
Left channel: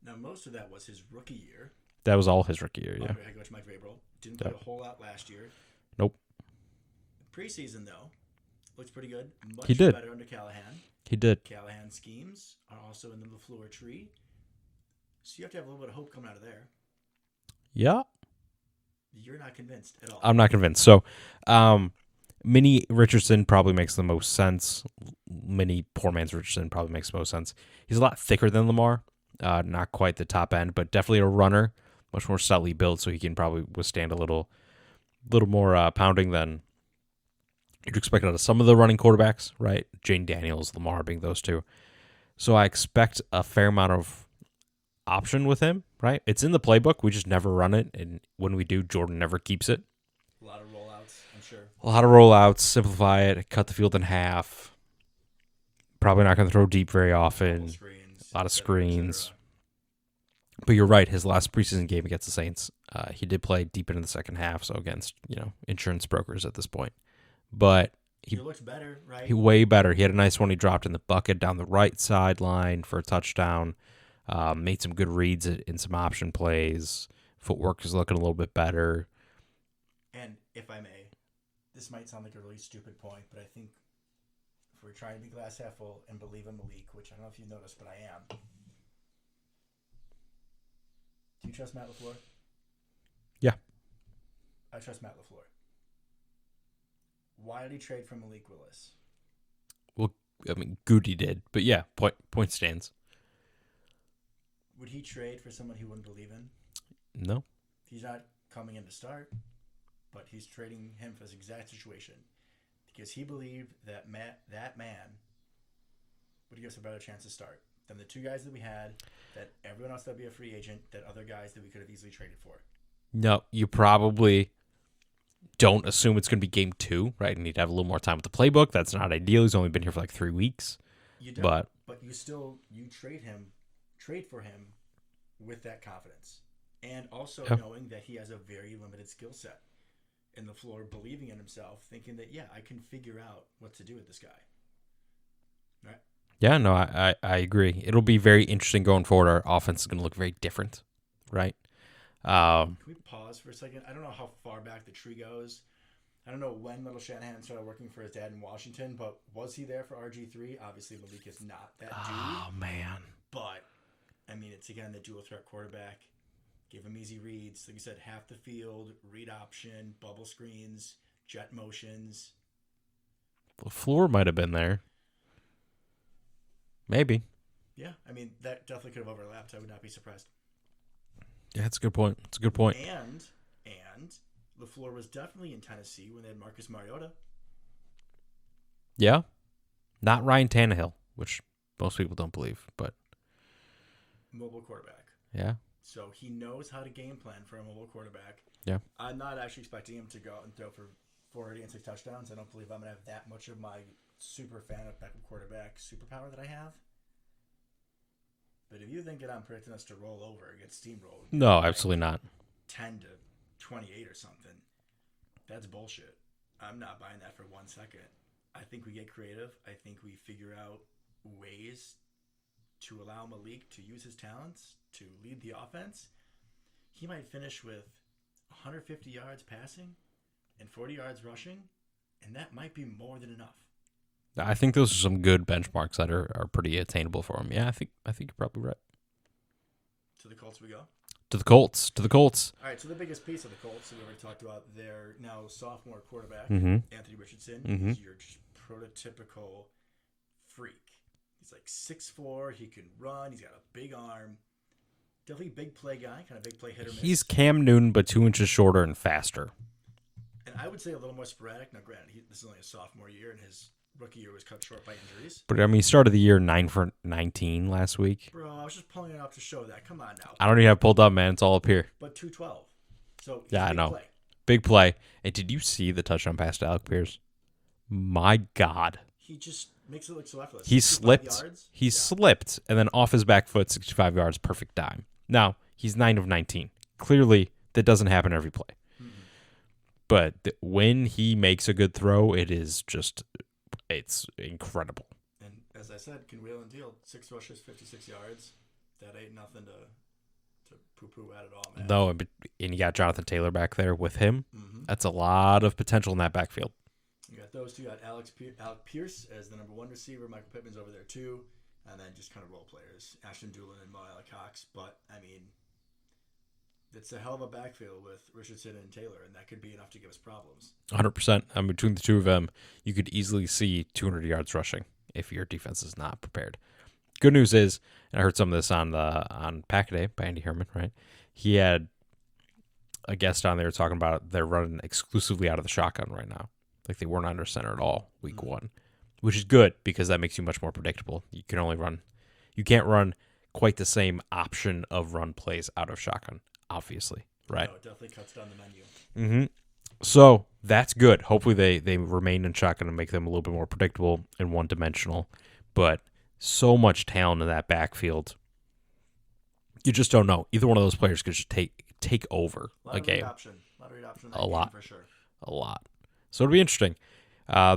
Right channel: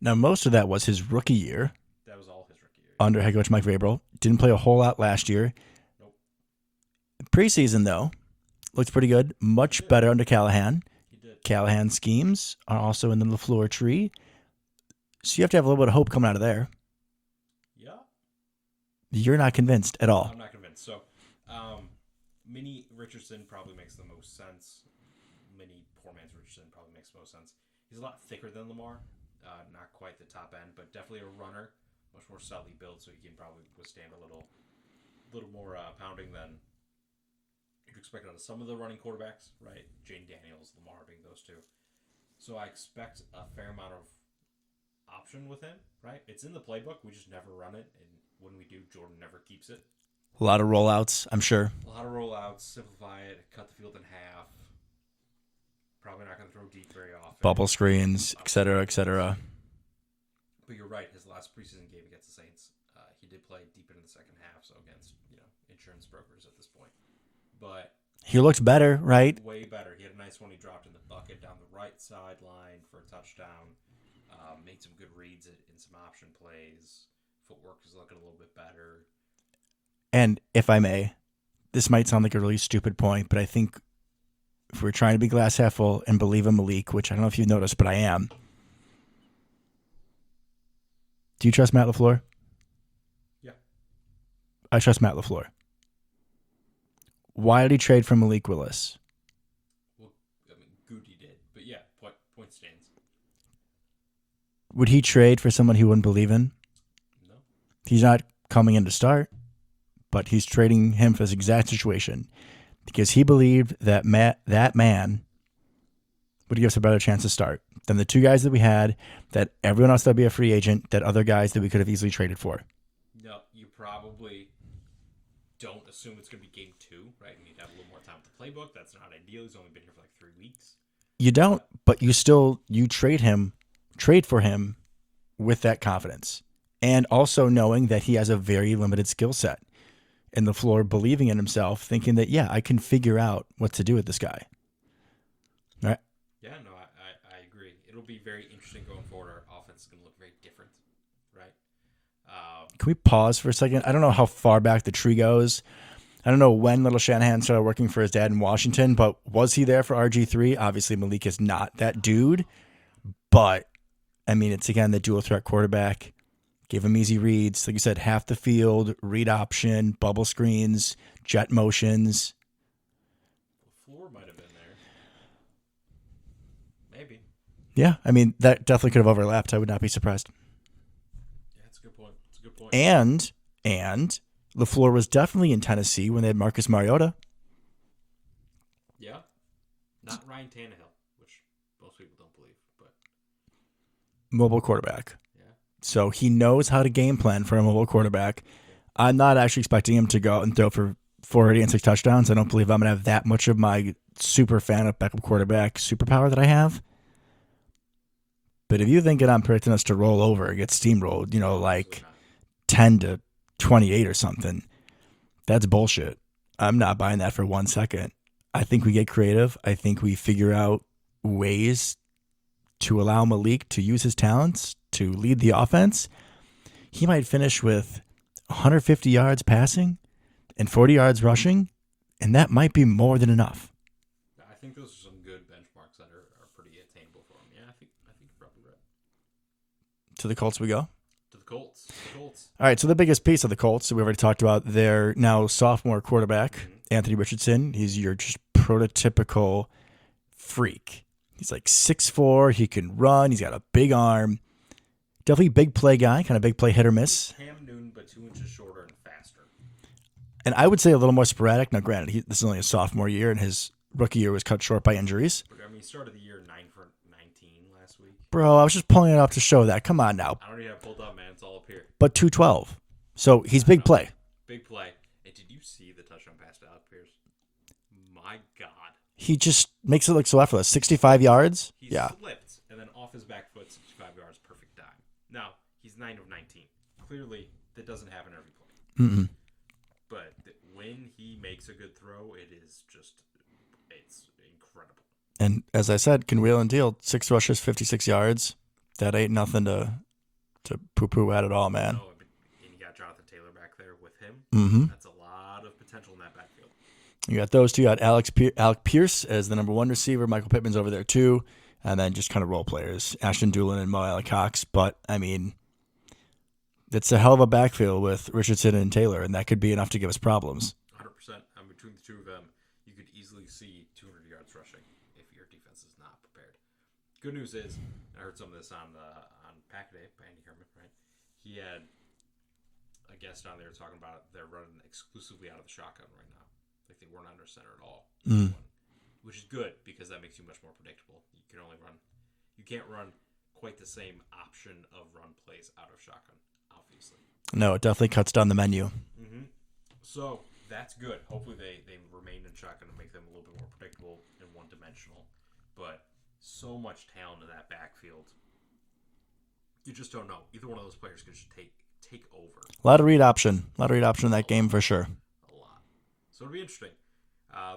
Now, most of that was his rookie year. That was all his rookie year. Under head coach Mike Vrabel. Didn't play a whole lot last year. Nope. Preseason, though, looked pretty good. Much better under Callahan. He did. Callahan's schemes are also in the LaFleur tree. So you have to have a little bit of hope coming out of there. Yeah. You're not convinced at all. I'm not convinced. So, Mini Richardson probably makes the most sense. Mini poor man's Richardson probably makes the most sense. He's a lot thicker than Lamar. Not quite the top end, but definitely a runner. Much more stoutly built, so he can probably withstand a little more pounding than you'd expect out of some of the running quarterbacks, right? Jane Daniels, Lamar being those two. So I expect a fair amount of option with him, right? It's in the playbook. We just never run it, and when we do, Jordan never keeps it. A lot of rollouts, I'm sure. A lot of rollouts, simplify it, cut the field in half. Probably not going to throw deep very often. Bubble screens, et cetera, et cetera. But you're right. His last preseason game against the Saints, he did play deep into the second half, so against insurance brokers at this point. But he looked better, right? Way better. He had a nice one. He dropped in the bucket down the right sideline for a touchdown. Made some good reads in some option plays. Footwork is looking a little bit better. And if I may, this might sound like a really stupid point, but I think if we're trying to be glass half full and believe in Malik, which I don't know if you've noticed, but I am. Do you trust Matt LaFleur? Yeah. I trust Matt LaFleur. Why did he trade for Malik Willis? Well, I mean, Goody did, but yeah, point stands. Would he trade for someone he wouldn't believe in? No. He's not coming in to start, but he's trading him for this exact situation because he believed that that man would give us a better chance to start than the 2 guys that we had, that everyone else that would be a free agent, that other guys that we could have easily traded for. No, you probably don't assume it's going to be game 2, right? You need to have a little more time with the playbook. That's not ideal. He's only been here for like 3 weeks. You don't, but you trade for him with that confidence. And also knowing that he has a very limited skill set. And LaFleur believing in himself, thinking that, I can figure out what to do with this guy. All right. Yeah, no, I agree. It'll be very interesting going forward. Our offense is going to look very different, right? Can we pause for a second? I don't know how far back the tree goes. I don't know when Little Shanahan started working for his dad in Washington, but was he there for RG3? Obviously, Malik is not that dude. Oh, man. But, I mean, it's, again, the dual threat quarterback. Give him easy reads. Like you said, half the field, read option, bubble screens, jet motions. LaFleur might have been there. Maybe. Yeah, I mean, that definitely could have overlapped. I would not be surprised. Yeah, that's a good point. It's a good point. And LaFleur was definitely in Tennessee when they had Marcus Mariota. Yeah. Not Ryan Tannehill, which most people don't believe, but mobile quarterback. Yeah. So he knows how to game plan for a mobile quarterback. Yeah. I'm not actually expecting him to go out and throw for 480 and 6 touchdowns. I don't believe I'm going to have that much of my super fan of backup quarterback superpower that I have. But if you think that I'm predicting us to roll over and get steamrolled, no, like absolutely not. 10-28 or something, that's bullshit. I'm not buying that for 1 second. I think we get creative. I think we figure out ways to allow Malik to use his talents to lead the offense. He might finish with 150 yards passing and 40 yards rushing, and that might be more than enough. I think those are some good benchmarks that are pretty attainable for him. Yeah, I think you're probably right. To the Colts we go? To the Colts. All right, so the biggest piece of the Colts, we already talked about their now sophomore quarterback, Mm-hmm. Anthony Richardson. Mm-hmm. He's your just prototypical freak. He's like 6'4", he can run, he's got a big arm. Definitely big play guy, kind of big play hit or miss. He's Cam Newton, but 2 inches shorter and faster. And I would say a little more sporadic. Now, granted, this is only a sophomore year, and his rookie year was cut short by injuries. But I mean, he started the year 9 for 19 last week. Bro, I was just pulling it up to show that. Come on now. I don't even have it pulled up, man. It's all up here. But 212. So he's Yeah, I big know. play. Big play. And did you see the touchdown pass to Alec Pierce? My God. He just makes it look so effortless. He 65 slipped. yards. He Yeah. slipped, and then off his back foot, 65 yards, perfect dime. Now, he's 9 of 19. Clearly, that doesn't happen every play. Mm-mm. But when he makes a good throw, it's incredible. And as I said, can wheel and deal. 6 rushes, 56 yards. That ain't nothing to poo-poo at all, man. No, and you got Jonathan Taylor back there with him. Mm-hmm. That's a lot of potential in that backfield. You got those two. You got Alec Pierce as the number 1 receiver. Michael Pittman's over there too. And then just kind of role players. Ashton Doolin and Mo Alley Cox. But, I mean, it's a hell of a backfield with Richardson and Taylor, and that could be enough to give us problems. 100%. I mean, between the two of them, you could easily see 200 yards rushing if your defense is not prepared. Good news is, and I heard some of this on Pack-A-Day by Andy Herman, right? He had a guest on there talking about they're running exclusively out of the shotgun right now. Like they weren't under center at all week 1, which is good because that makes you much more predictable. You can't run quite the same option of run plays out of shotgun, obviously. Right? No, it definitely cuts down the menu. Mm-hmm. So that's good. Hopefully they remain in shotgun and make them a little bit more predictable and one-dimensional. But so much talent in that backfield. You just don't know. Either one of those players could just take over. A lot the of read game. option. A lot of read option in that A game lot. for sure. A lot. So it'll be interesting.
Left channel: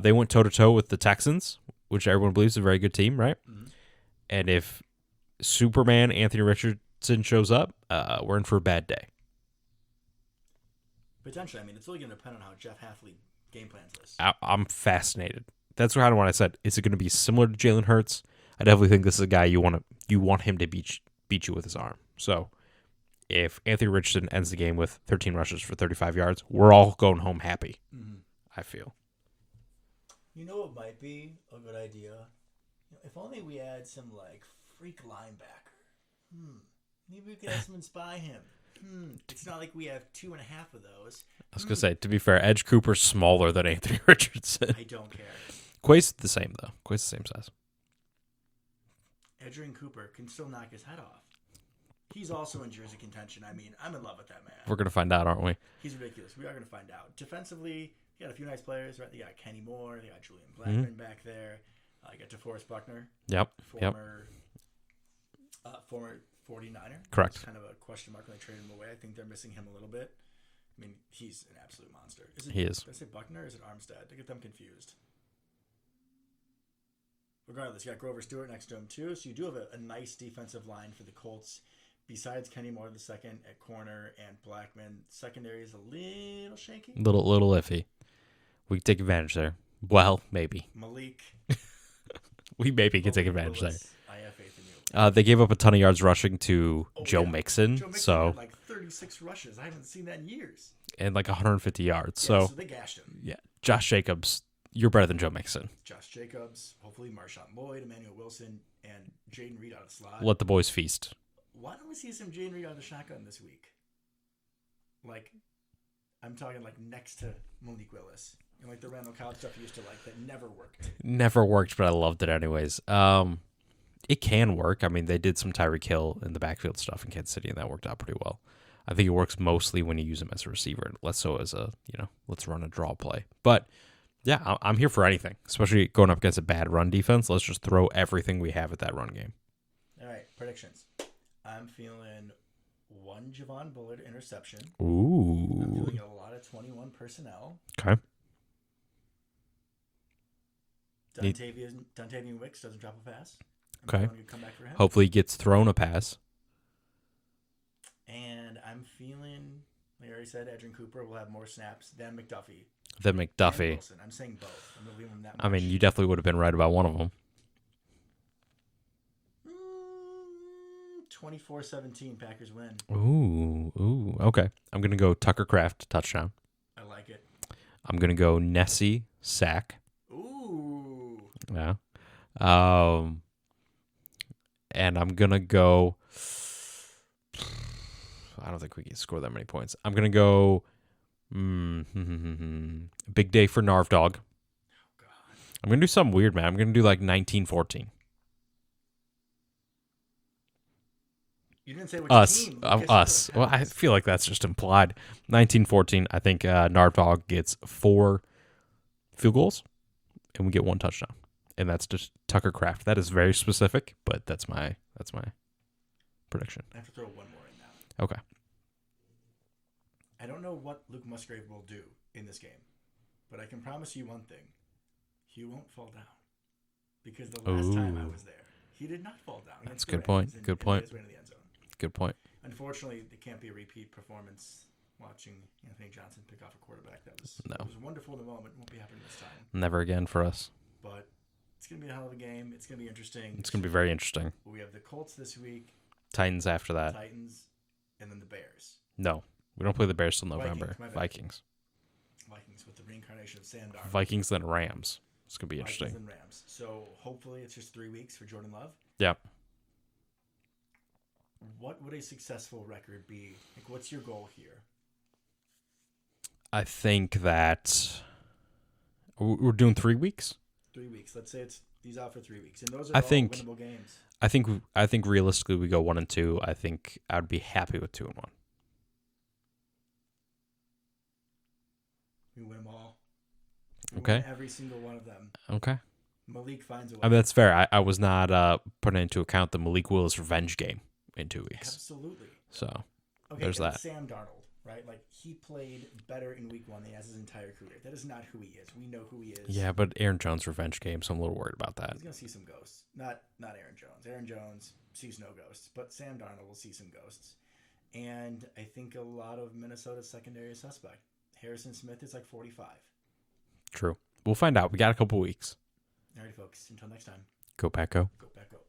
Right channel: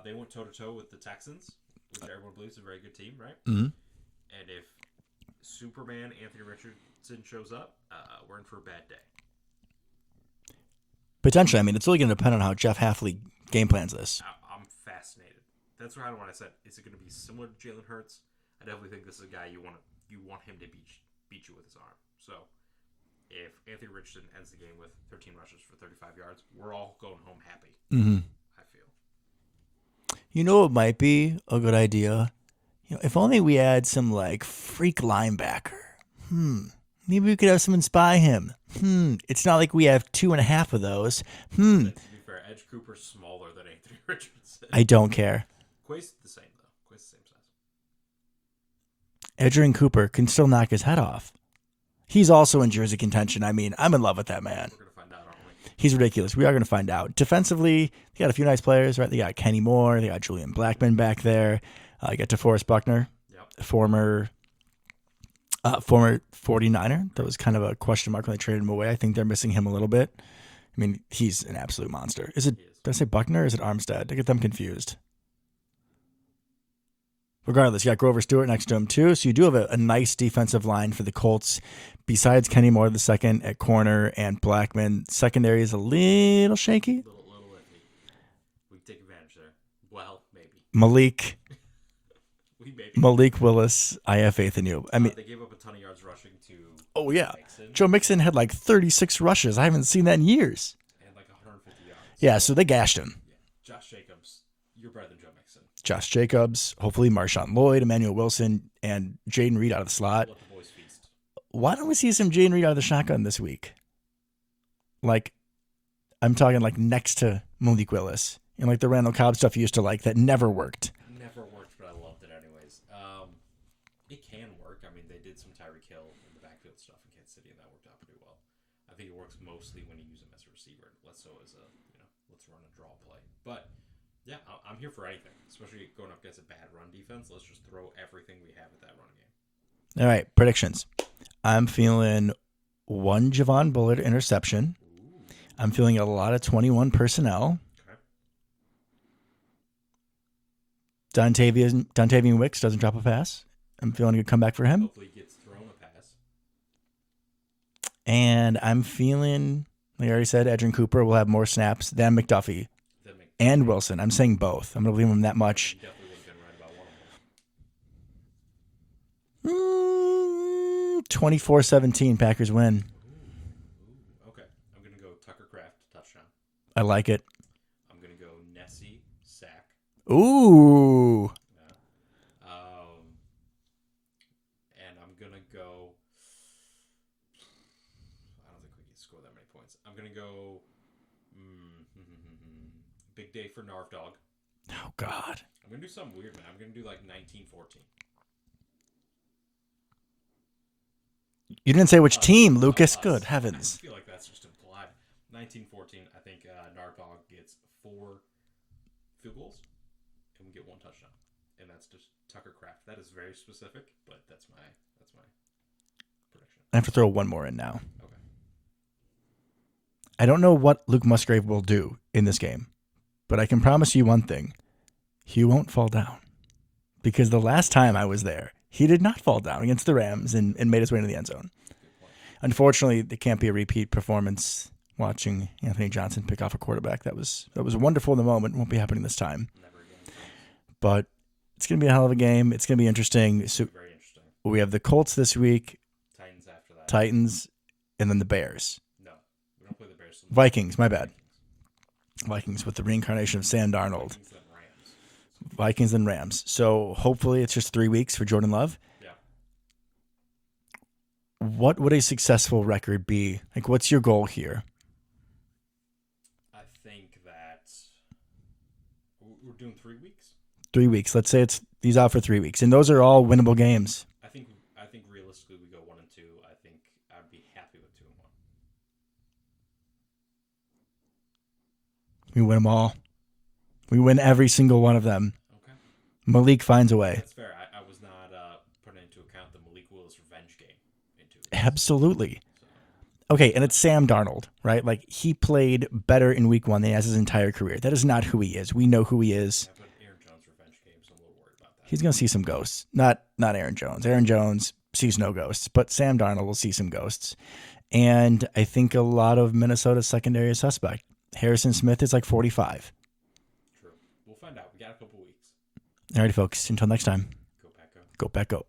They went toe-to-toe with the Texans, which everyone believes is a very good team, right? Mm-hmm. And if Superman Anthony Richardson shows up, we're in for a bad day. Potentially. I mean, it's really going to depend on how Jeff Hafley game plans this. I'm fascinated. That's kind of what I said. Is it going to be similar to Jalen Hurts? I definitely think this is a guy you want him to beat you with his arm. So if Anthony Richardson ends the game with 13 rushes for 35 yards, we're all going home happy. Mm-hmm. I feel. You know what might be a good idea? If only we had some like freak linebacker. Maybe we could have someone spy him. It's not like we have 2.5 of those. I was gonna say, to be fair, Edge Cooper's smaller than Anthony Richardson. I don't care. Quay's the same though. Quay's the same size. Edgerrin Cooper can still knock his head off. He's also in jersey contention. I mean, I'm in love with that man. We're gonna find out, aren't we? He's ridiculous. We are going to find out. Defensively, they got a few nice players, right? They got Kenny Moore. They got Julian Blackmon back there. You got DeForest Buckner, Yep. former 49er. Correct. That was kind of a question mark when they traded him away. I think they're missing him a little bit. I mean, he's an absolute monster. He is. Did I say Buckner or is it Armstead? I get them confused. Regardless, you got Grover Stewart next to him too. So you do have a nice defensive line for the Colts. Besides Kenny Moore the second at corner and Blackmon, secondary is a little shaky. Little iffy. We can take advantage there. Well, maybe. Malik Malik Willis, I have faith in you. I mean, they gave up a ton of yards rushing to Joe Mixon. Joe Mixon had like 36 rushes. I haven't seen that in years. And like 150 yards. Yeah, so they gashed him. Yeah. Josh Jacobs, you're better than Joe Mixon. Josh Jacobs, hopefully Marshawn Lloyd, Emmanuel Wilson, and Jaden Reed out of the slot. Let the boys feast. Why don't we see some Jaden Reed out of the shotgun this week? Like, I'm talking like next to Malik Willis. And like the Randall Cobb stuff you used to like that never worked. Never worked, but I loved it anyways. It can work. I mean, they did some Tyreek Hill in the backfield stuff in Kansas City, and that worked out pretty well. I think it works mostly when you use him as a receiver, and less so as a, let's run a draw play. But, yeah, I'm here for anything, especially going up against a bad run defense. Let's just throw everything we have at that run game. All right, predictions. I'm feeling one Javon Bullard interception. Ooh. I'm feeling a lot of 21 personnel. Okay. Dontavian Wicks doesn't drop a pass. I'm feeling a good comeback for him. Hopefully he gets thrown a pass. And I'm feeling, like I already said, Edgerrin Cooper will have more snaps than McDuffie. And Wilson. I'm saying both. I'm going to leave him that much. I mean, you definitely would have been right about one of them. 24-17, Packers win. Ooh, okay. I'm going to go Tucker Kraft, touchdown. I like it. I'm going to go Nessie, sack. Ooh. Yeah. And I'm going to go... I don't think we can score that many points. I'm going to go... big day for Narv Dog. Oh, God. I'm going to do something weird, man. I'm going to do like 1914. You didn't say which Us. team, Lucas. Us. Good Well, I heavens. feel like that's just implied. 1914, I think Nardvog gets 4 field goals, and we get 1 touchdown. And that's just Tucker Kraft. That is very specific, but that's my prediction. I have to throw one more in now. Okay. I don't know what Luke Musgrave will do in this game, but I can promise you one thing. He won't fall down. Because the last time I was there, he did not fall down against the Rams and made his way into the end zone. Good point. Unfortunately, it can't be a repeat performance watching Anthony Johnson pick off a quarterback. That was wonderful in the moment. Won't be happening this time. Never again for us. But it's going to be a hell of a game. It's going to be interesting. It's going to be very interesting. We have the Colts this week. Titans after that. Titans, and then the Bears. No, we don't play the Bears till November. Vikings, my bad. Vikings with the reincarnation of Sam Darnold. Vikings, then Rams. It's going to be Vikings, then Rams. So hopefully it's just 3 weeks for Jordan Love. Yeah. What would a successful record be? Like, what's your goal here? I think that we're doing 3 weeks. 3 weeks. Let's say he's out for 3 weeks, and those are all winnable games. I think realistically we go 1-2. I think I'd be happy with 2-1. We win them all. We win every single one of them. Okay. Malik finds a way. That's fair. I was not putting into account the Malik Willis revenge game in 2 weeks. Absolutely. So. Okay, and it's Sam Darnold, right? Like, he played better in week 1 than he has his entire career. That is not who he is. We know who he is. Yeah, but Aaron Jones' revenge game, so I'm a little worried about that. He's going to see some ghosts. Not Aaron Jones. Aaron Jones sees no ghosts, but Sam Darnold will see some ghosts. And I think a lot of Minnesota's secondary is suspect. Harrison Smith is like 45. True. We'll find out. We got a couple weeks. All right, folks. Until next time. Go Pack Go. Go Pack Go.